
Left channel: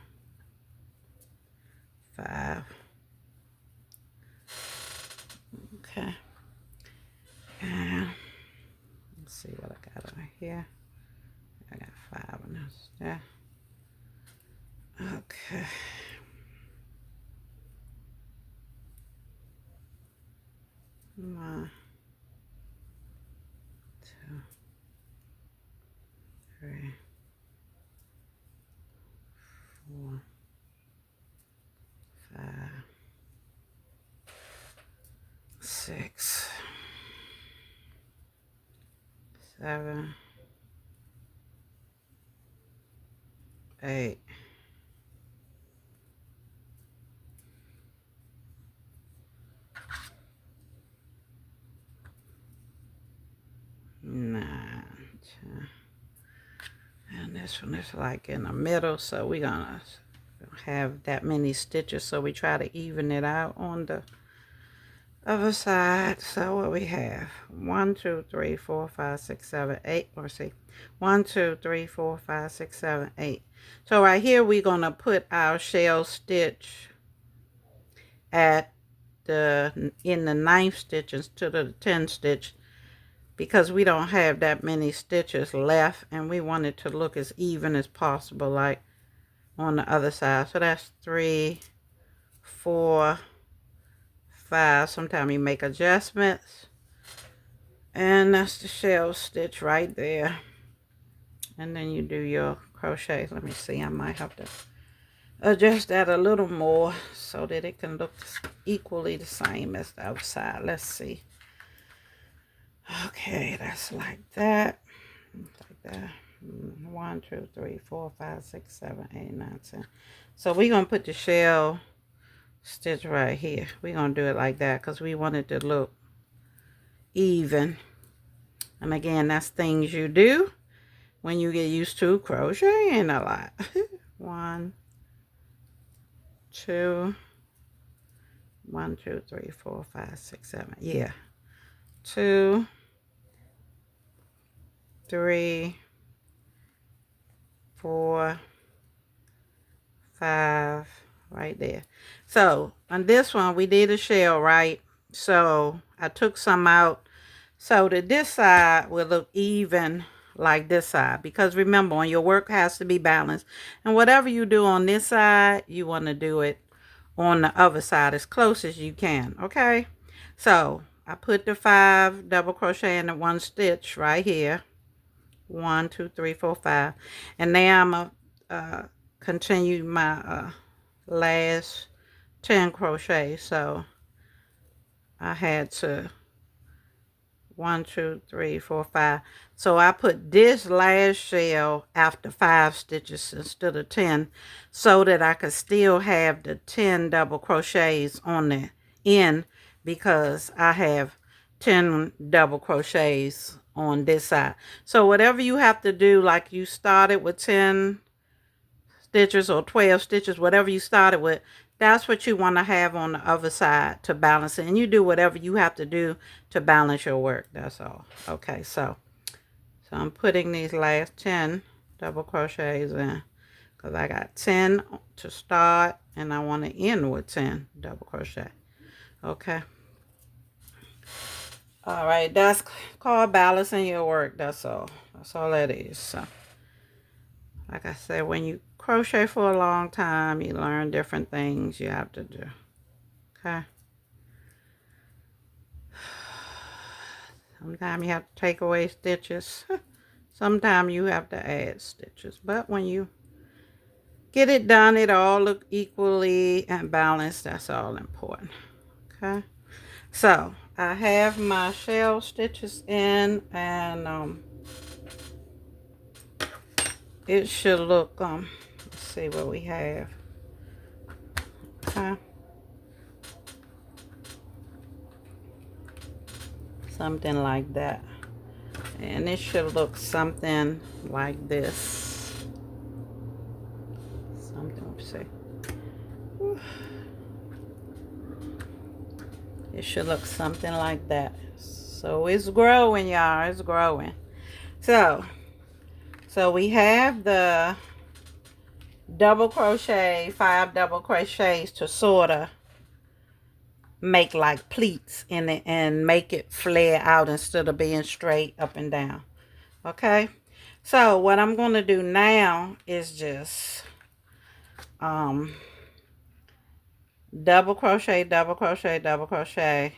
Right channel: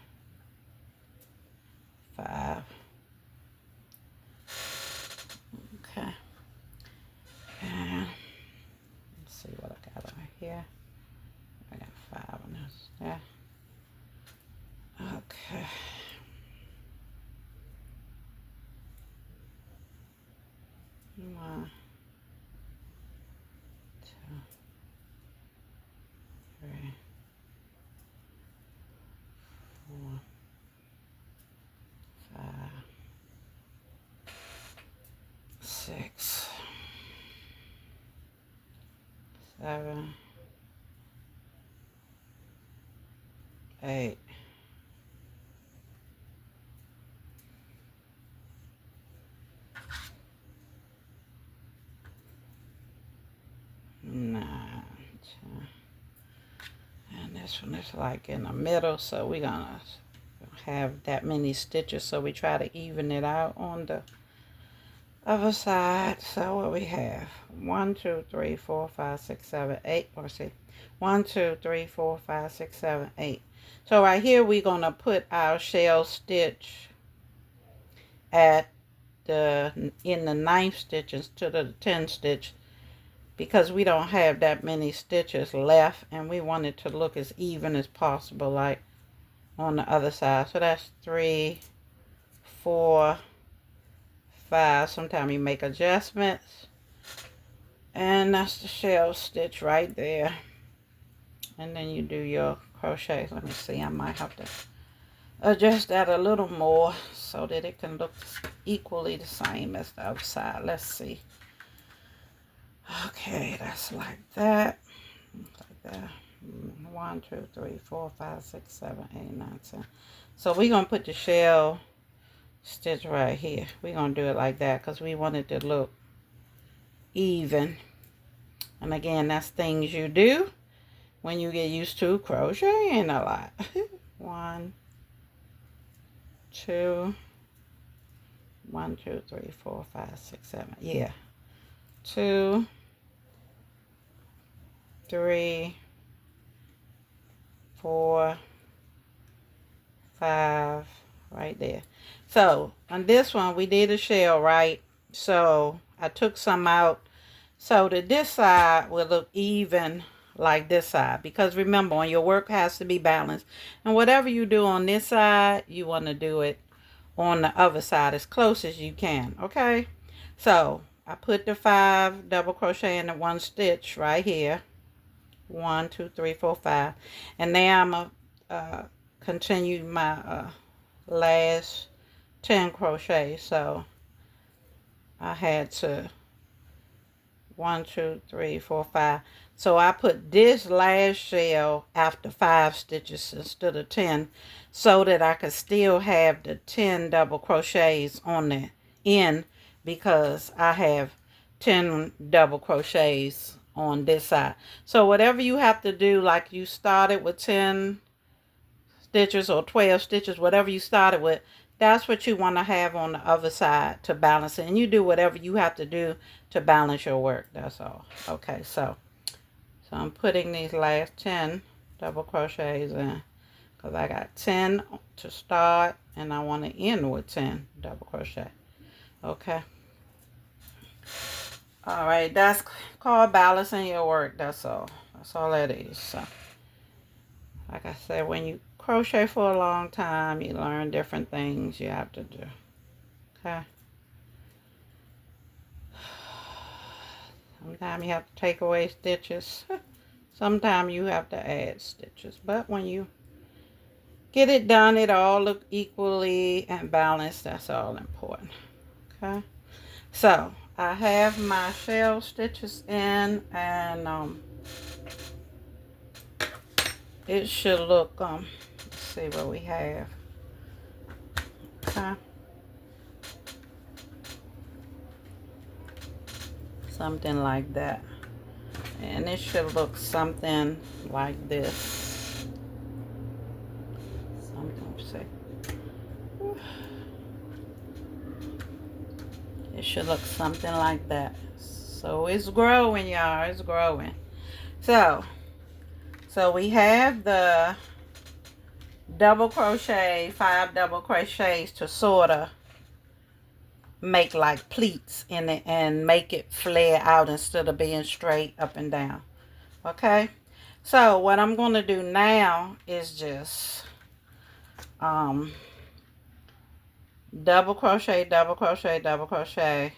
5. Okay. And let's see what I got over here. I got 5 on this there. Okay. One, 2, 3, 7, 8. And this one is like in the middle, so we're gonna have that many stitches, so we try to even it out on the other side. So what we have, 1 2 3 4 5 6 7 8. Let's see, 1 2 3 4 5 6 7 8. So right here we're gonna put our shell stitch at the in the 9th stitch instead of the 10th stitch, because we don't have that many stitches left and we want it to look as even as possible like on the other side. So that's 3 4 5. Sometimes you make adjustments, and that's the shell stitch right there. And then you do your crochet. Let me see, I might have to adjust that a little more so that it can look equally the same as the other side. Let's see. Okay, that's like that. Like that. 1 2 3 4 5 6 7 8 9 10. So we're gonna put the shell stitch right here. We're gonna do it like that because we want it to look even. And again, that's things you do when you get used to crocheting a lot. 1 2 1 2 3 4 5 6 7. Yeah. 2 3 4 5 right there. So on this one we did a shell, right? So I took some out so that this side will look even like this side, because remember, on your work has to be balanced, and whatever you do on this side you want to do it on the other side as close as you can. Okay, so I put the 5 double crochet in the 1 stitch right here. 1 2 3 4 5. And now I'm gonna continue my last 10 crochets. So I had to 1 2 3 4 5. So I put this last shell after 5 stitches instead of 10, so that I could still have the 10 double crochets on the end, because I have 10 double crochets on this side. So whatever you have to do, like you started with 10 stitches or 12 stitches, whatever you started with, that's what you want to have on the other side to balance it. And you do whatever you have to do to balance your work. That's all. Okay, so I'm putting these last 10 double crochets in, because I got 10 to start and I want to end with 10 double crochet. Okay. All right, that's called balancing your work. That's all that is. So like I said, when you crochet for a long time, you learn different things you have to do. Okay. Sometimes you have to take away stitches. Sometimes you have to add stitches. But when you get it done, it all look equally and balanced. That's all important. Okay. So I have my shell stitches in, and it should look let's see what we have. Okay. Something like that. And it should look something like this. Something, let's see. It should look something like that. So it's growing, y'all. It's growing. So we have the double crochet, 5 double crochets to sort of make like pleats in it and make it flare out instead of being straight up and down. Okay, so what I'm going to do now is just double crochet, double crochet, double crochet,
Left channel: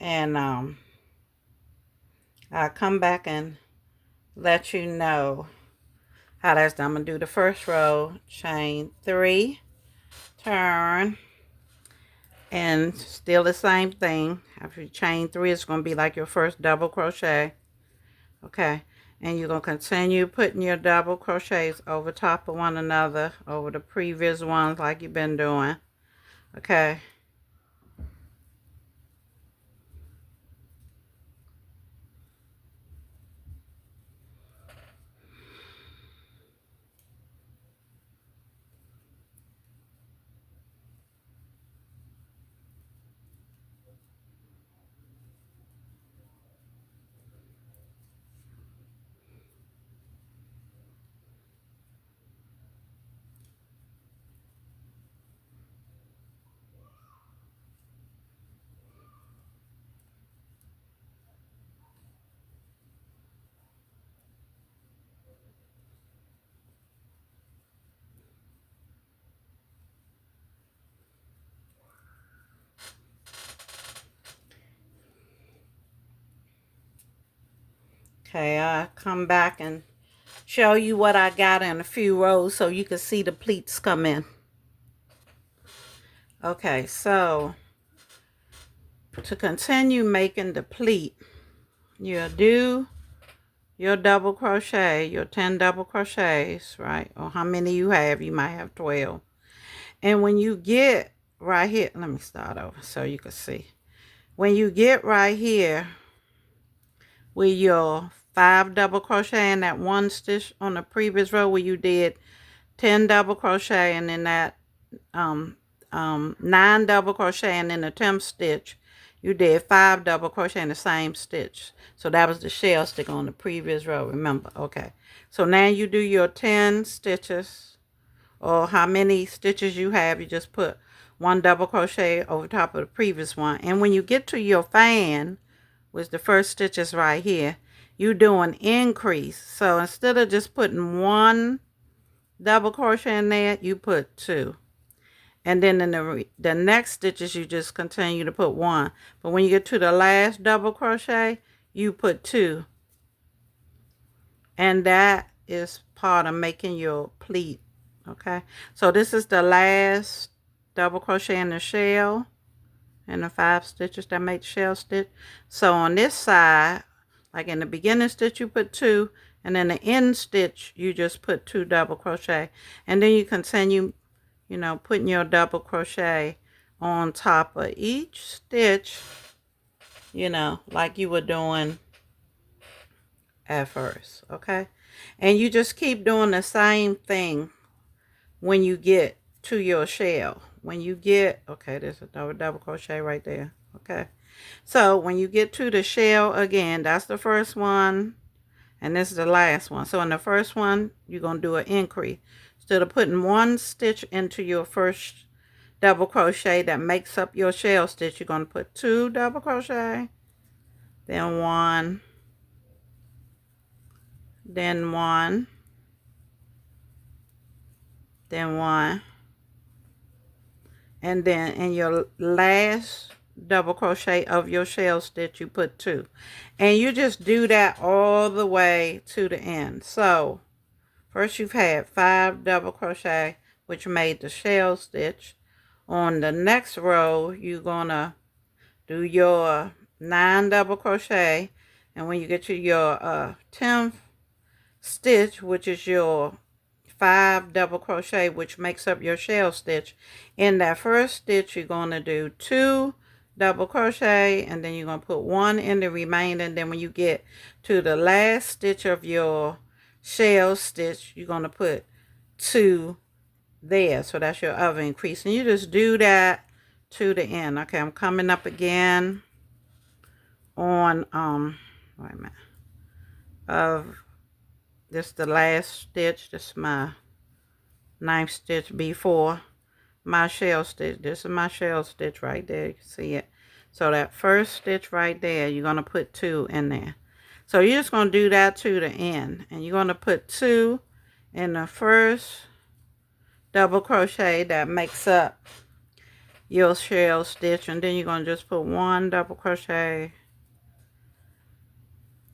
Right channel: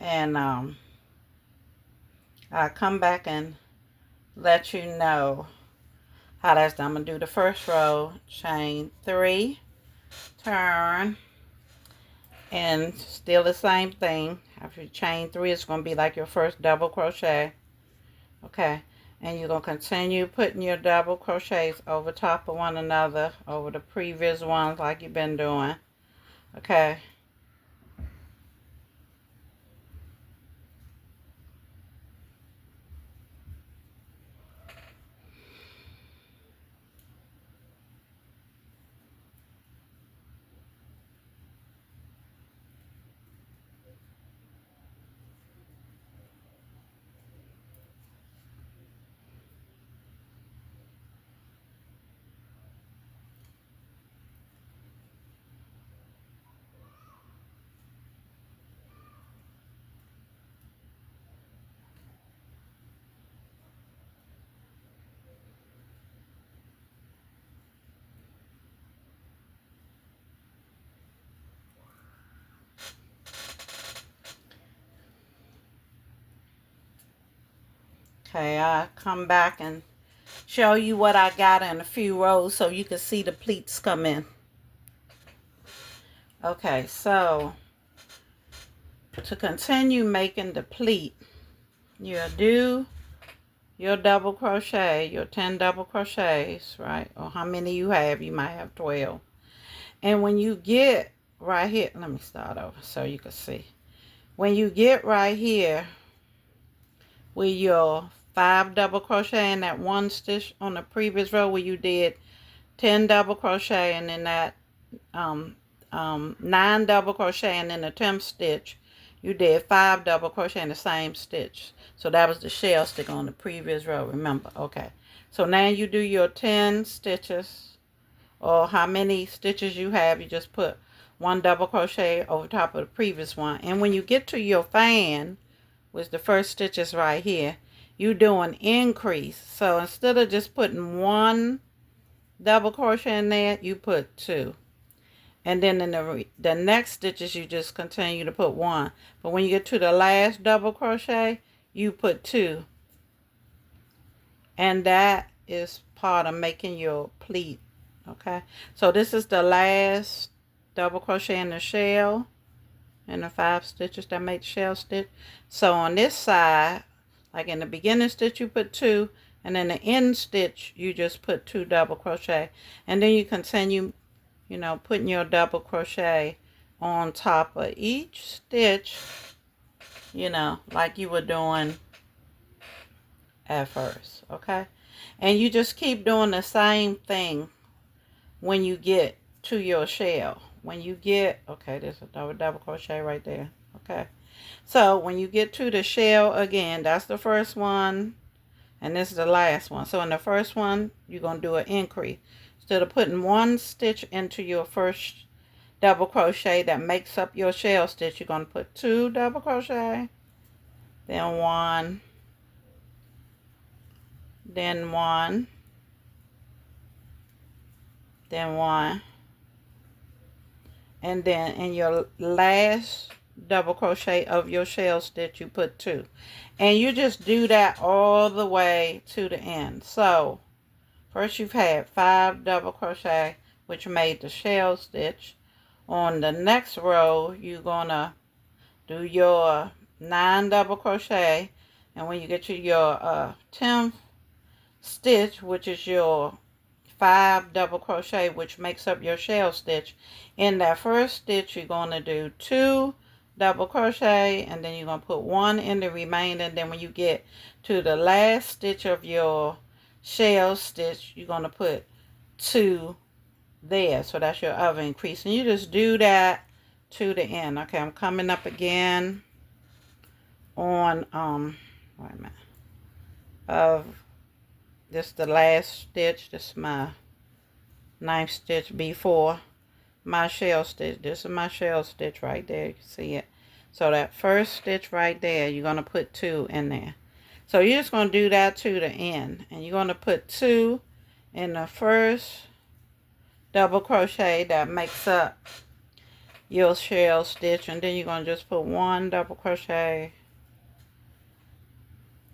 and I'll come back and let you know how that's done. I'm going to do the first row, chain 3, turn, And still the same thing. After you chain 3, it's going to be like your first double crochet. Okay, and you're going to continue putting your double crochets over top of one another, over the previous ones like you've been doing. Okay. Okay, I come back and show you what I got in a few rows so you can see the pleats come in. Okay, so to continue making the pleat, you'll do your double crochet, your 10 double crochets, right? Or how many you have, you might have 12. And when you get right here, let me start over so you can see. When you get right here with your 5 double crochet in that one stitch on the previous row where you did 10 double crochet, and then that 9 double crochet, and in the 10th stitch you did 5 double crochet in the same stitch. So that was the shell stick on the previous row, remember? Okay, so now you do your 10 stitches, or how many stitches you have, you just put 1 double crochet over top of the previous one. And when you get to your fan, which the first stitch is right here, you do an increase. So instead of just putting 1 double crochet in there, you put 2. And then in the next stitches, you just continue to put 1. But when you get to the last double crochet, you put 2. And that is part of making your pleat. Okay, so this is the last double crochet in the shell, and the 5 stitches that make the shell stitch. So on this side, like in the beginning stitch, you put 2, and then the end stitch, you just put 2 double crochet. And then you continue, you know, putting your double crochet on top of each stitch, you know, like you were doing at first. Okay, and you just keep doing the same thing when you get to your shell. When you get, okay, there's a double crochet right there. Okay, so when you get to the shell again, that's the first one, and this is the last one. So in the first one, you're going to do an increase. Instead of putting 1 stitch into your first double crochet that makes up your shell stitch, you're going to put 2 double crochet, then 1, then 1, then 1, and then in your last double crochet of your shell stitch, you put 2. And you just do that all the way to the end. So first you've had 5 double crochet, which made the shell stitch. On the next row, you're gonna do your 9 double crochet, and when you get to your 10th stitch, which is your 5 double crochet, which makes up your shell stitch, in that first stitch you're going to do 2 double crochet, and then you're going to put 1 in the remainder. And then when you get to the last stitch of your shell stitch, you're going to put 2 there. So that's your other increase, and you just do that to the end. Okay, I'm coming up again on wait a minute, of this the last stitch. This is my 9th stitch before my shell stitch. This is my shell stitch right there. You can see it. So that first stitch right there, you're going to put 2 in there. So you're just going to do that to the end, and you're going to put 2 in the first double crochet that makes up your shell stitch, and then you're going to just put 1 double crochet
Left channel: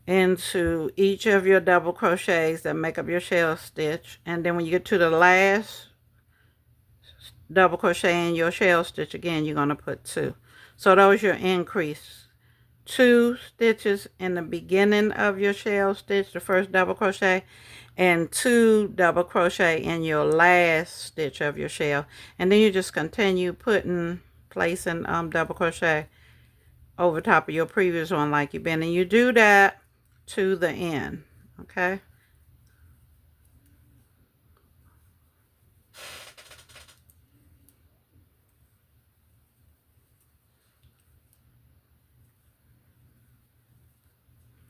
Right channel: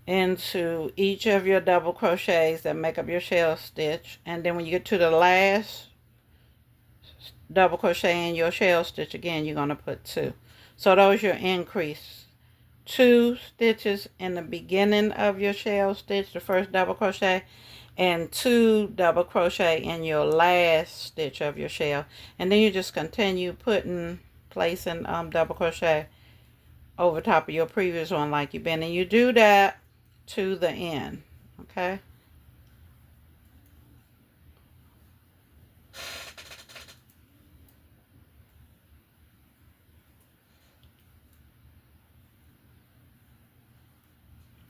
into each of your double crochets that make up your shell stitch. And then when you get to the last double crochet in your shell stitch, again you're going to put 2. So those your increase. 2 stitches in the beginning of your shell stitch, the first double crochet, and 2 double crochet in your last stitch of your shell. And then you just continue placing double crochet over top of your previous one like you've been, and you do that to the end. Okay,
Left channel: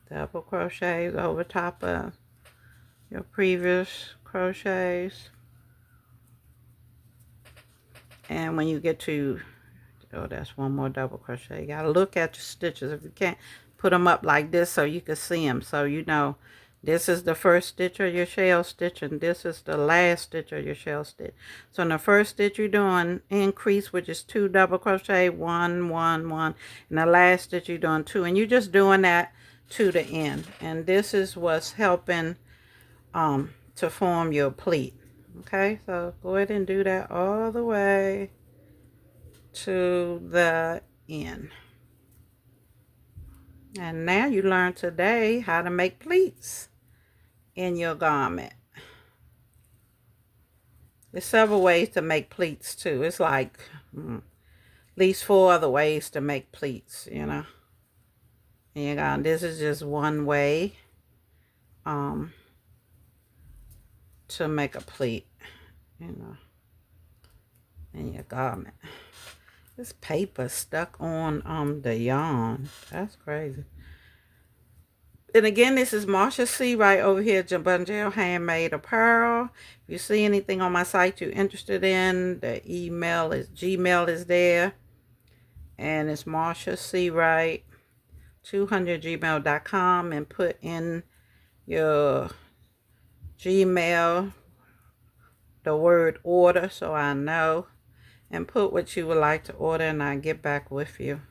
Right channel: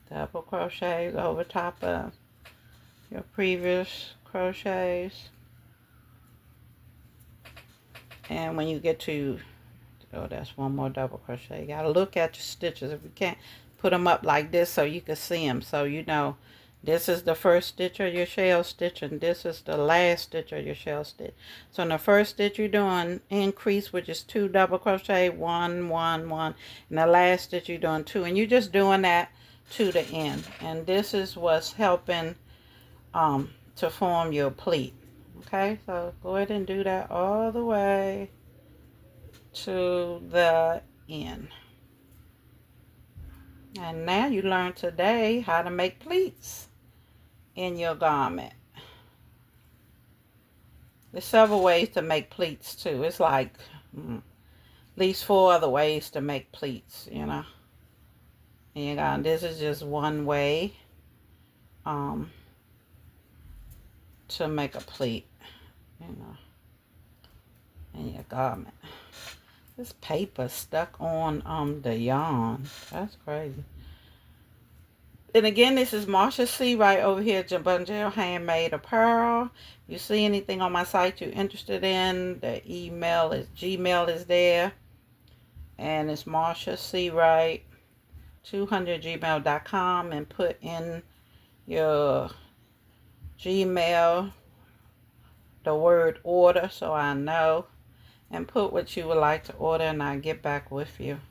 double crochet over top of your previous crochets. And when you get to, oh, that's one more double crochet. You gotta look at your stitches. If you can't, put them up like this so you can see them, so you know this is the first stitch of your shell stitch and this is the last stitch of your shell stitch. So in the first stitch you're doing increase, which is 2 double crochet, 1 1 1, and the last stitch you're doing 2, and you're just doing that to the end. And this is what's helping to form your pleat. Okay, so go ahead and do that all the way to the end. And now you learned today how to make pleats in your garment. There's several ways to make pleats too. It's like at least 4 other ways to make pleats, you know. And this is just one way to make a pleat, you know, in your garment. This paper stuck on the yarn. That's crazy. And again, this is Marsha C. right over here at JABONGEL Handmade Apparel. If you see anything on my site you're interested in, the email is Gmail is there. And it's MARSHASEAWRIGHT200 gmail.com, and put in your Gmail the word order so I know, and put what you would like to order, and I'll get back with you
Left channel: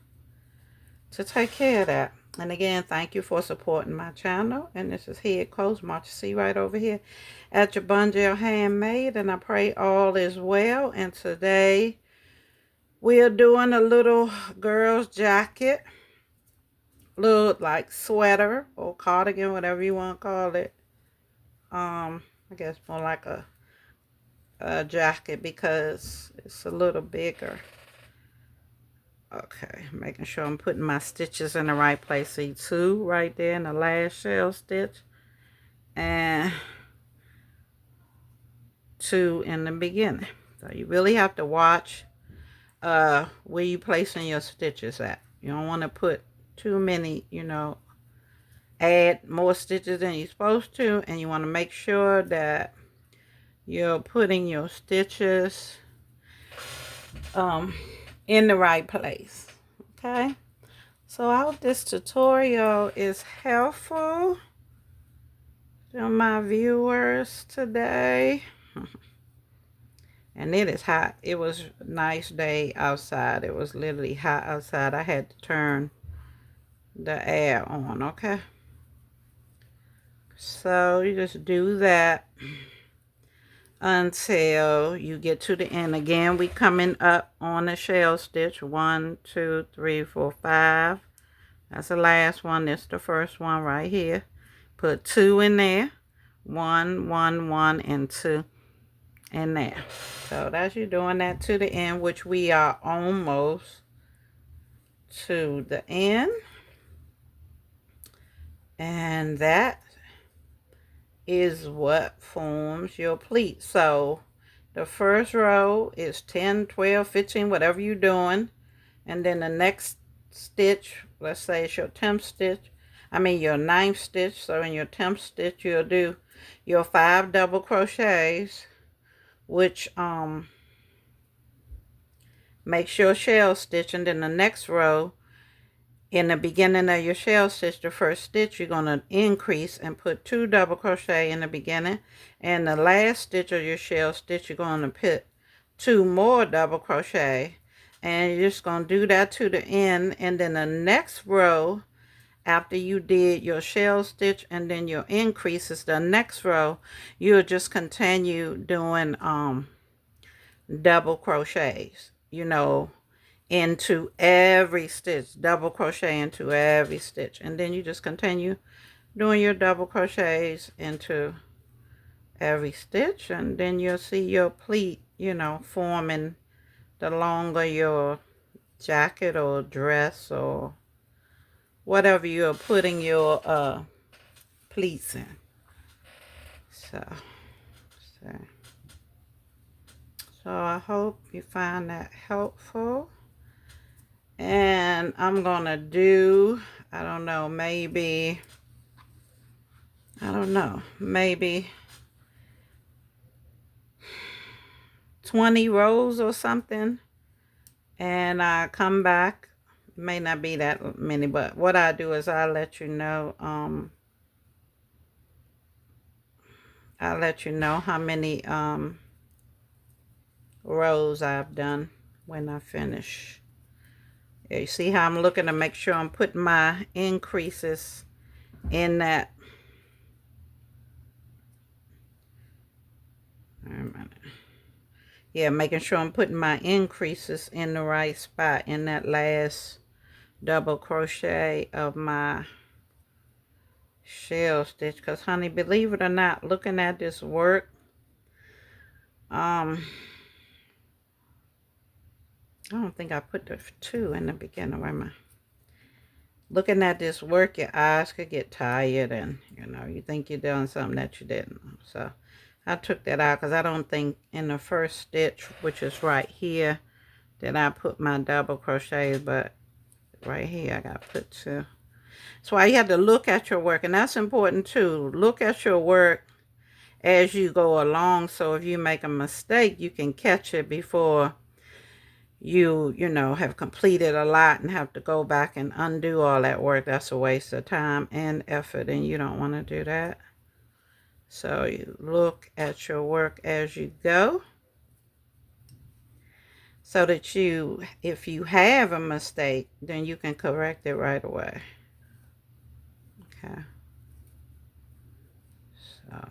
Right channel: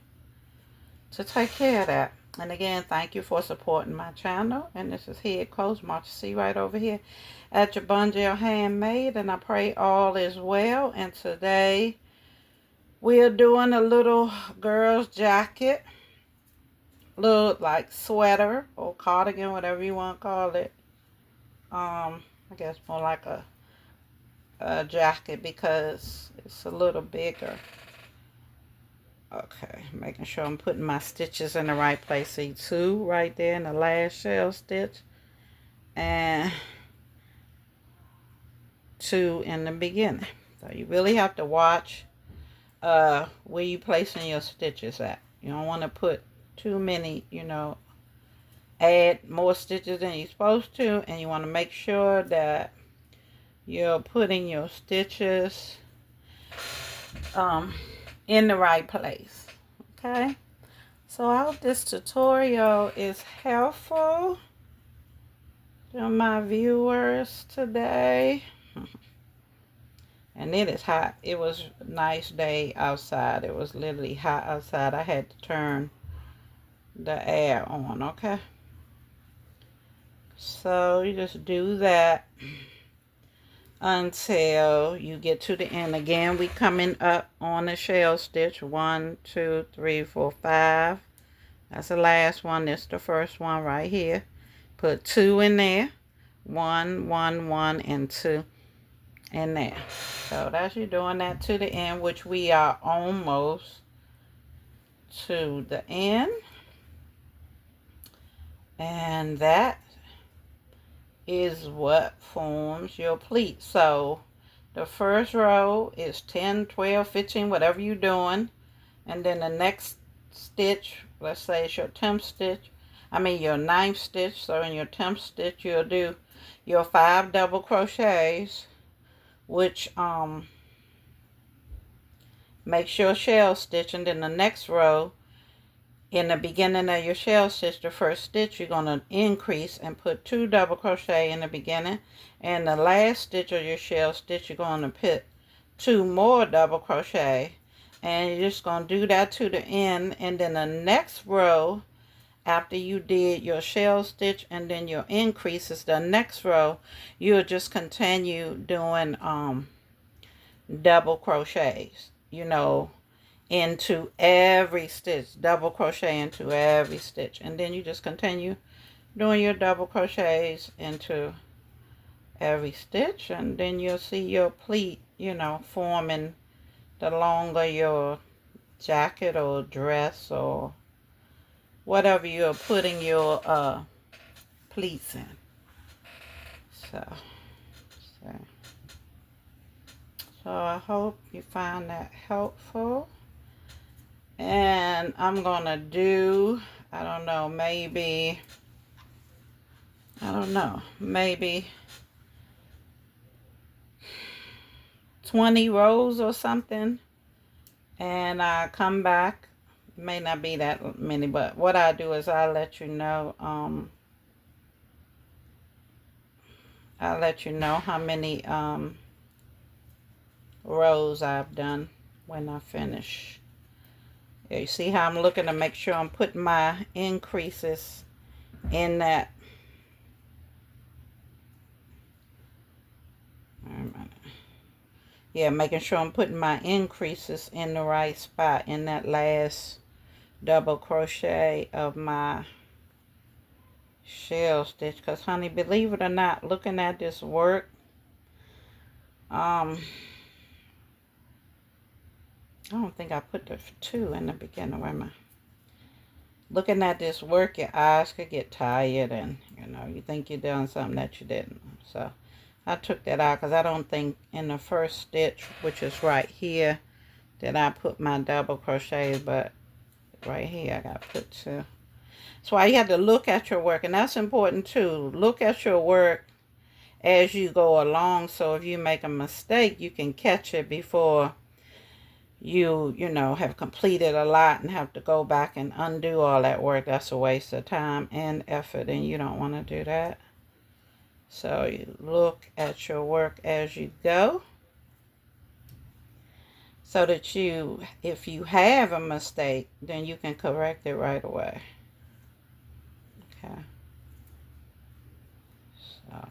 to take care of that. And again, thank you for supporting my channel. And this is Head Coach Marsha C. right over here at JABONGEL Handmade, and I pray all is well. And today we're doing a little girl's jacket, little like sweater or cardigan, whatever you want to call it. I guess more like a jacket because it's a little bigger. Okay, making sure I'm putting my stitches in the right place. See, 2 right there in the last shell stitch, and 2 in the beginning. So you really have to watch where you placing your stitches at. You don't want to put too many, you know, add more stitches than you're supposed to, and you want to make sure that you're putting your stitches in the right place. Okay, so I hope this tutorial is helpful to my viewers today. And it is hot. It was a nice day outside. It was literally hot outside. I had to turn the air on. Okay, so you just do that until you get to the end. Again, we coming up on the shell stitch. 1 2 3 4 5. That's the last one. This is the first one right here. Put 2 in there. 1 1 1 and 2 in there. So that's you doing that to the end, which we are almost to the end. And that is what forms your pleat. So the first row is 10, 12, 15, whatever you're doing. And then the next stitch, let's say it's your 10th stitch, your 9th stitch. So in your 10th stitch, you'll do your 5 double crochets, which makes your shell stitch. And then the next row, in the beginning of your shell stitch, the first stitch, you're going to increase and put 2 double crochet in the beginning. And the last stitch of your shell stitch, you're going to put 2 more double crochet. And you're just going to do that to the end. And then the next row, after you did your shell stitch and then your increases, the next row, you'll just continue doing double crochets, you know, into every stitch, double crochet into every stitch, and then you just continue doing your double crochets into every stitch, and then you'll see your pleat, you know, forming the longer your jacket or dress or whatever you're putting your pleats in. So I hope you find that helpful. And I'm gonna do, I don't know, maybe 20 rows or something. And I come back, may not be that many, but what I do is I'll let you know, how many rows I've done when I finish. You see how I'm looking to make sure I'm putting my increases in that. Yeah, making sure I'm putting my increases in the right spot in that last double crochet of my shell stitch. Because, honey, believe it or not, looking at this work, I don't think I put the 2 in the beginning. Where am I? Looking at this work, your eyes could get tired, and you know, you think you're doing something that you didn't. So I took that out because I don't think in the first stitch, which is right here, that I put my double crochets, but right here I got to put 2. So you have to look at your work, and that's important too. Look at your work as you go along, so if you make a mistake, you can catch it before you know, have completed a lot and have to go back and undo all that work. That's a waste of time and effort, and you don't want to do that. So you look at your work as you go, so that you, if you have a mistake, then you can correct it right away. Okay. So,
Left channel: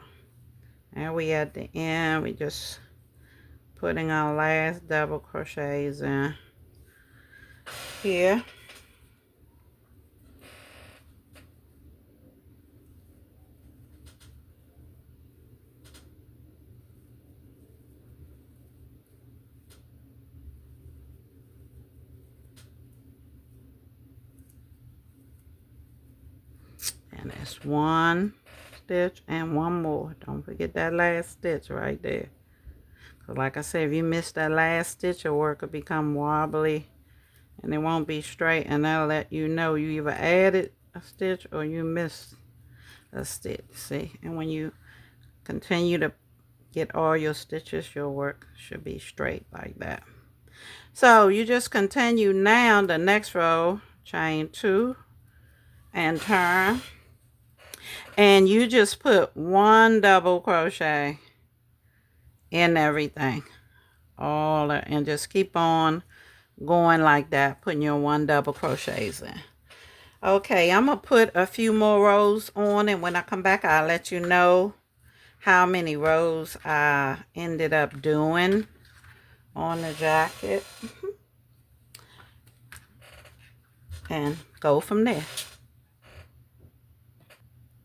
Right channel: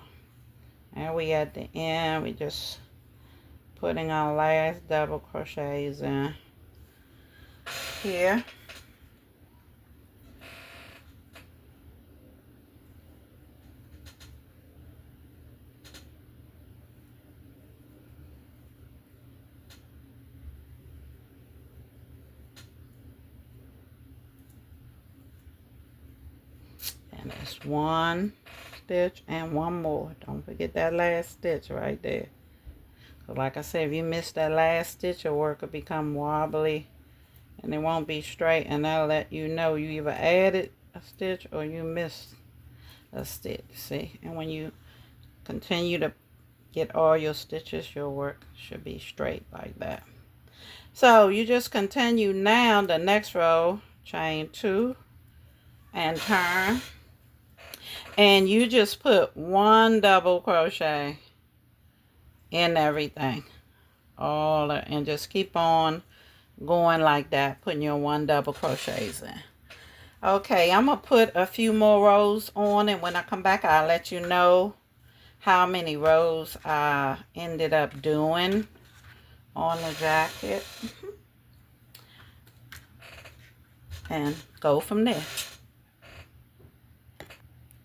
and we at the end, we just putting our last double crochets in here. And it's 1 stitch and 1 more. Don't forget that last stitch right there. So like I said, if you miss that last stitch, your work will become wobbly and it won't be straight, and that'll let you know you either added a stitch or you missed a stitch. See, and when you continue to get all your stitches, your work should be straight like that. So you just continue now the next row, chain 2 and turn, and you just put 1 double crochet in everything, all that, and just keep on going like that, putting your 1 double crochets in. Okay, I'm gonna put a few more rows on, and when I come back, I'll let you know how many rows I ended up doing on the jacket and go from there.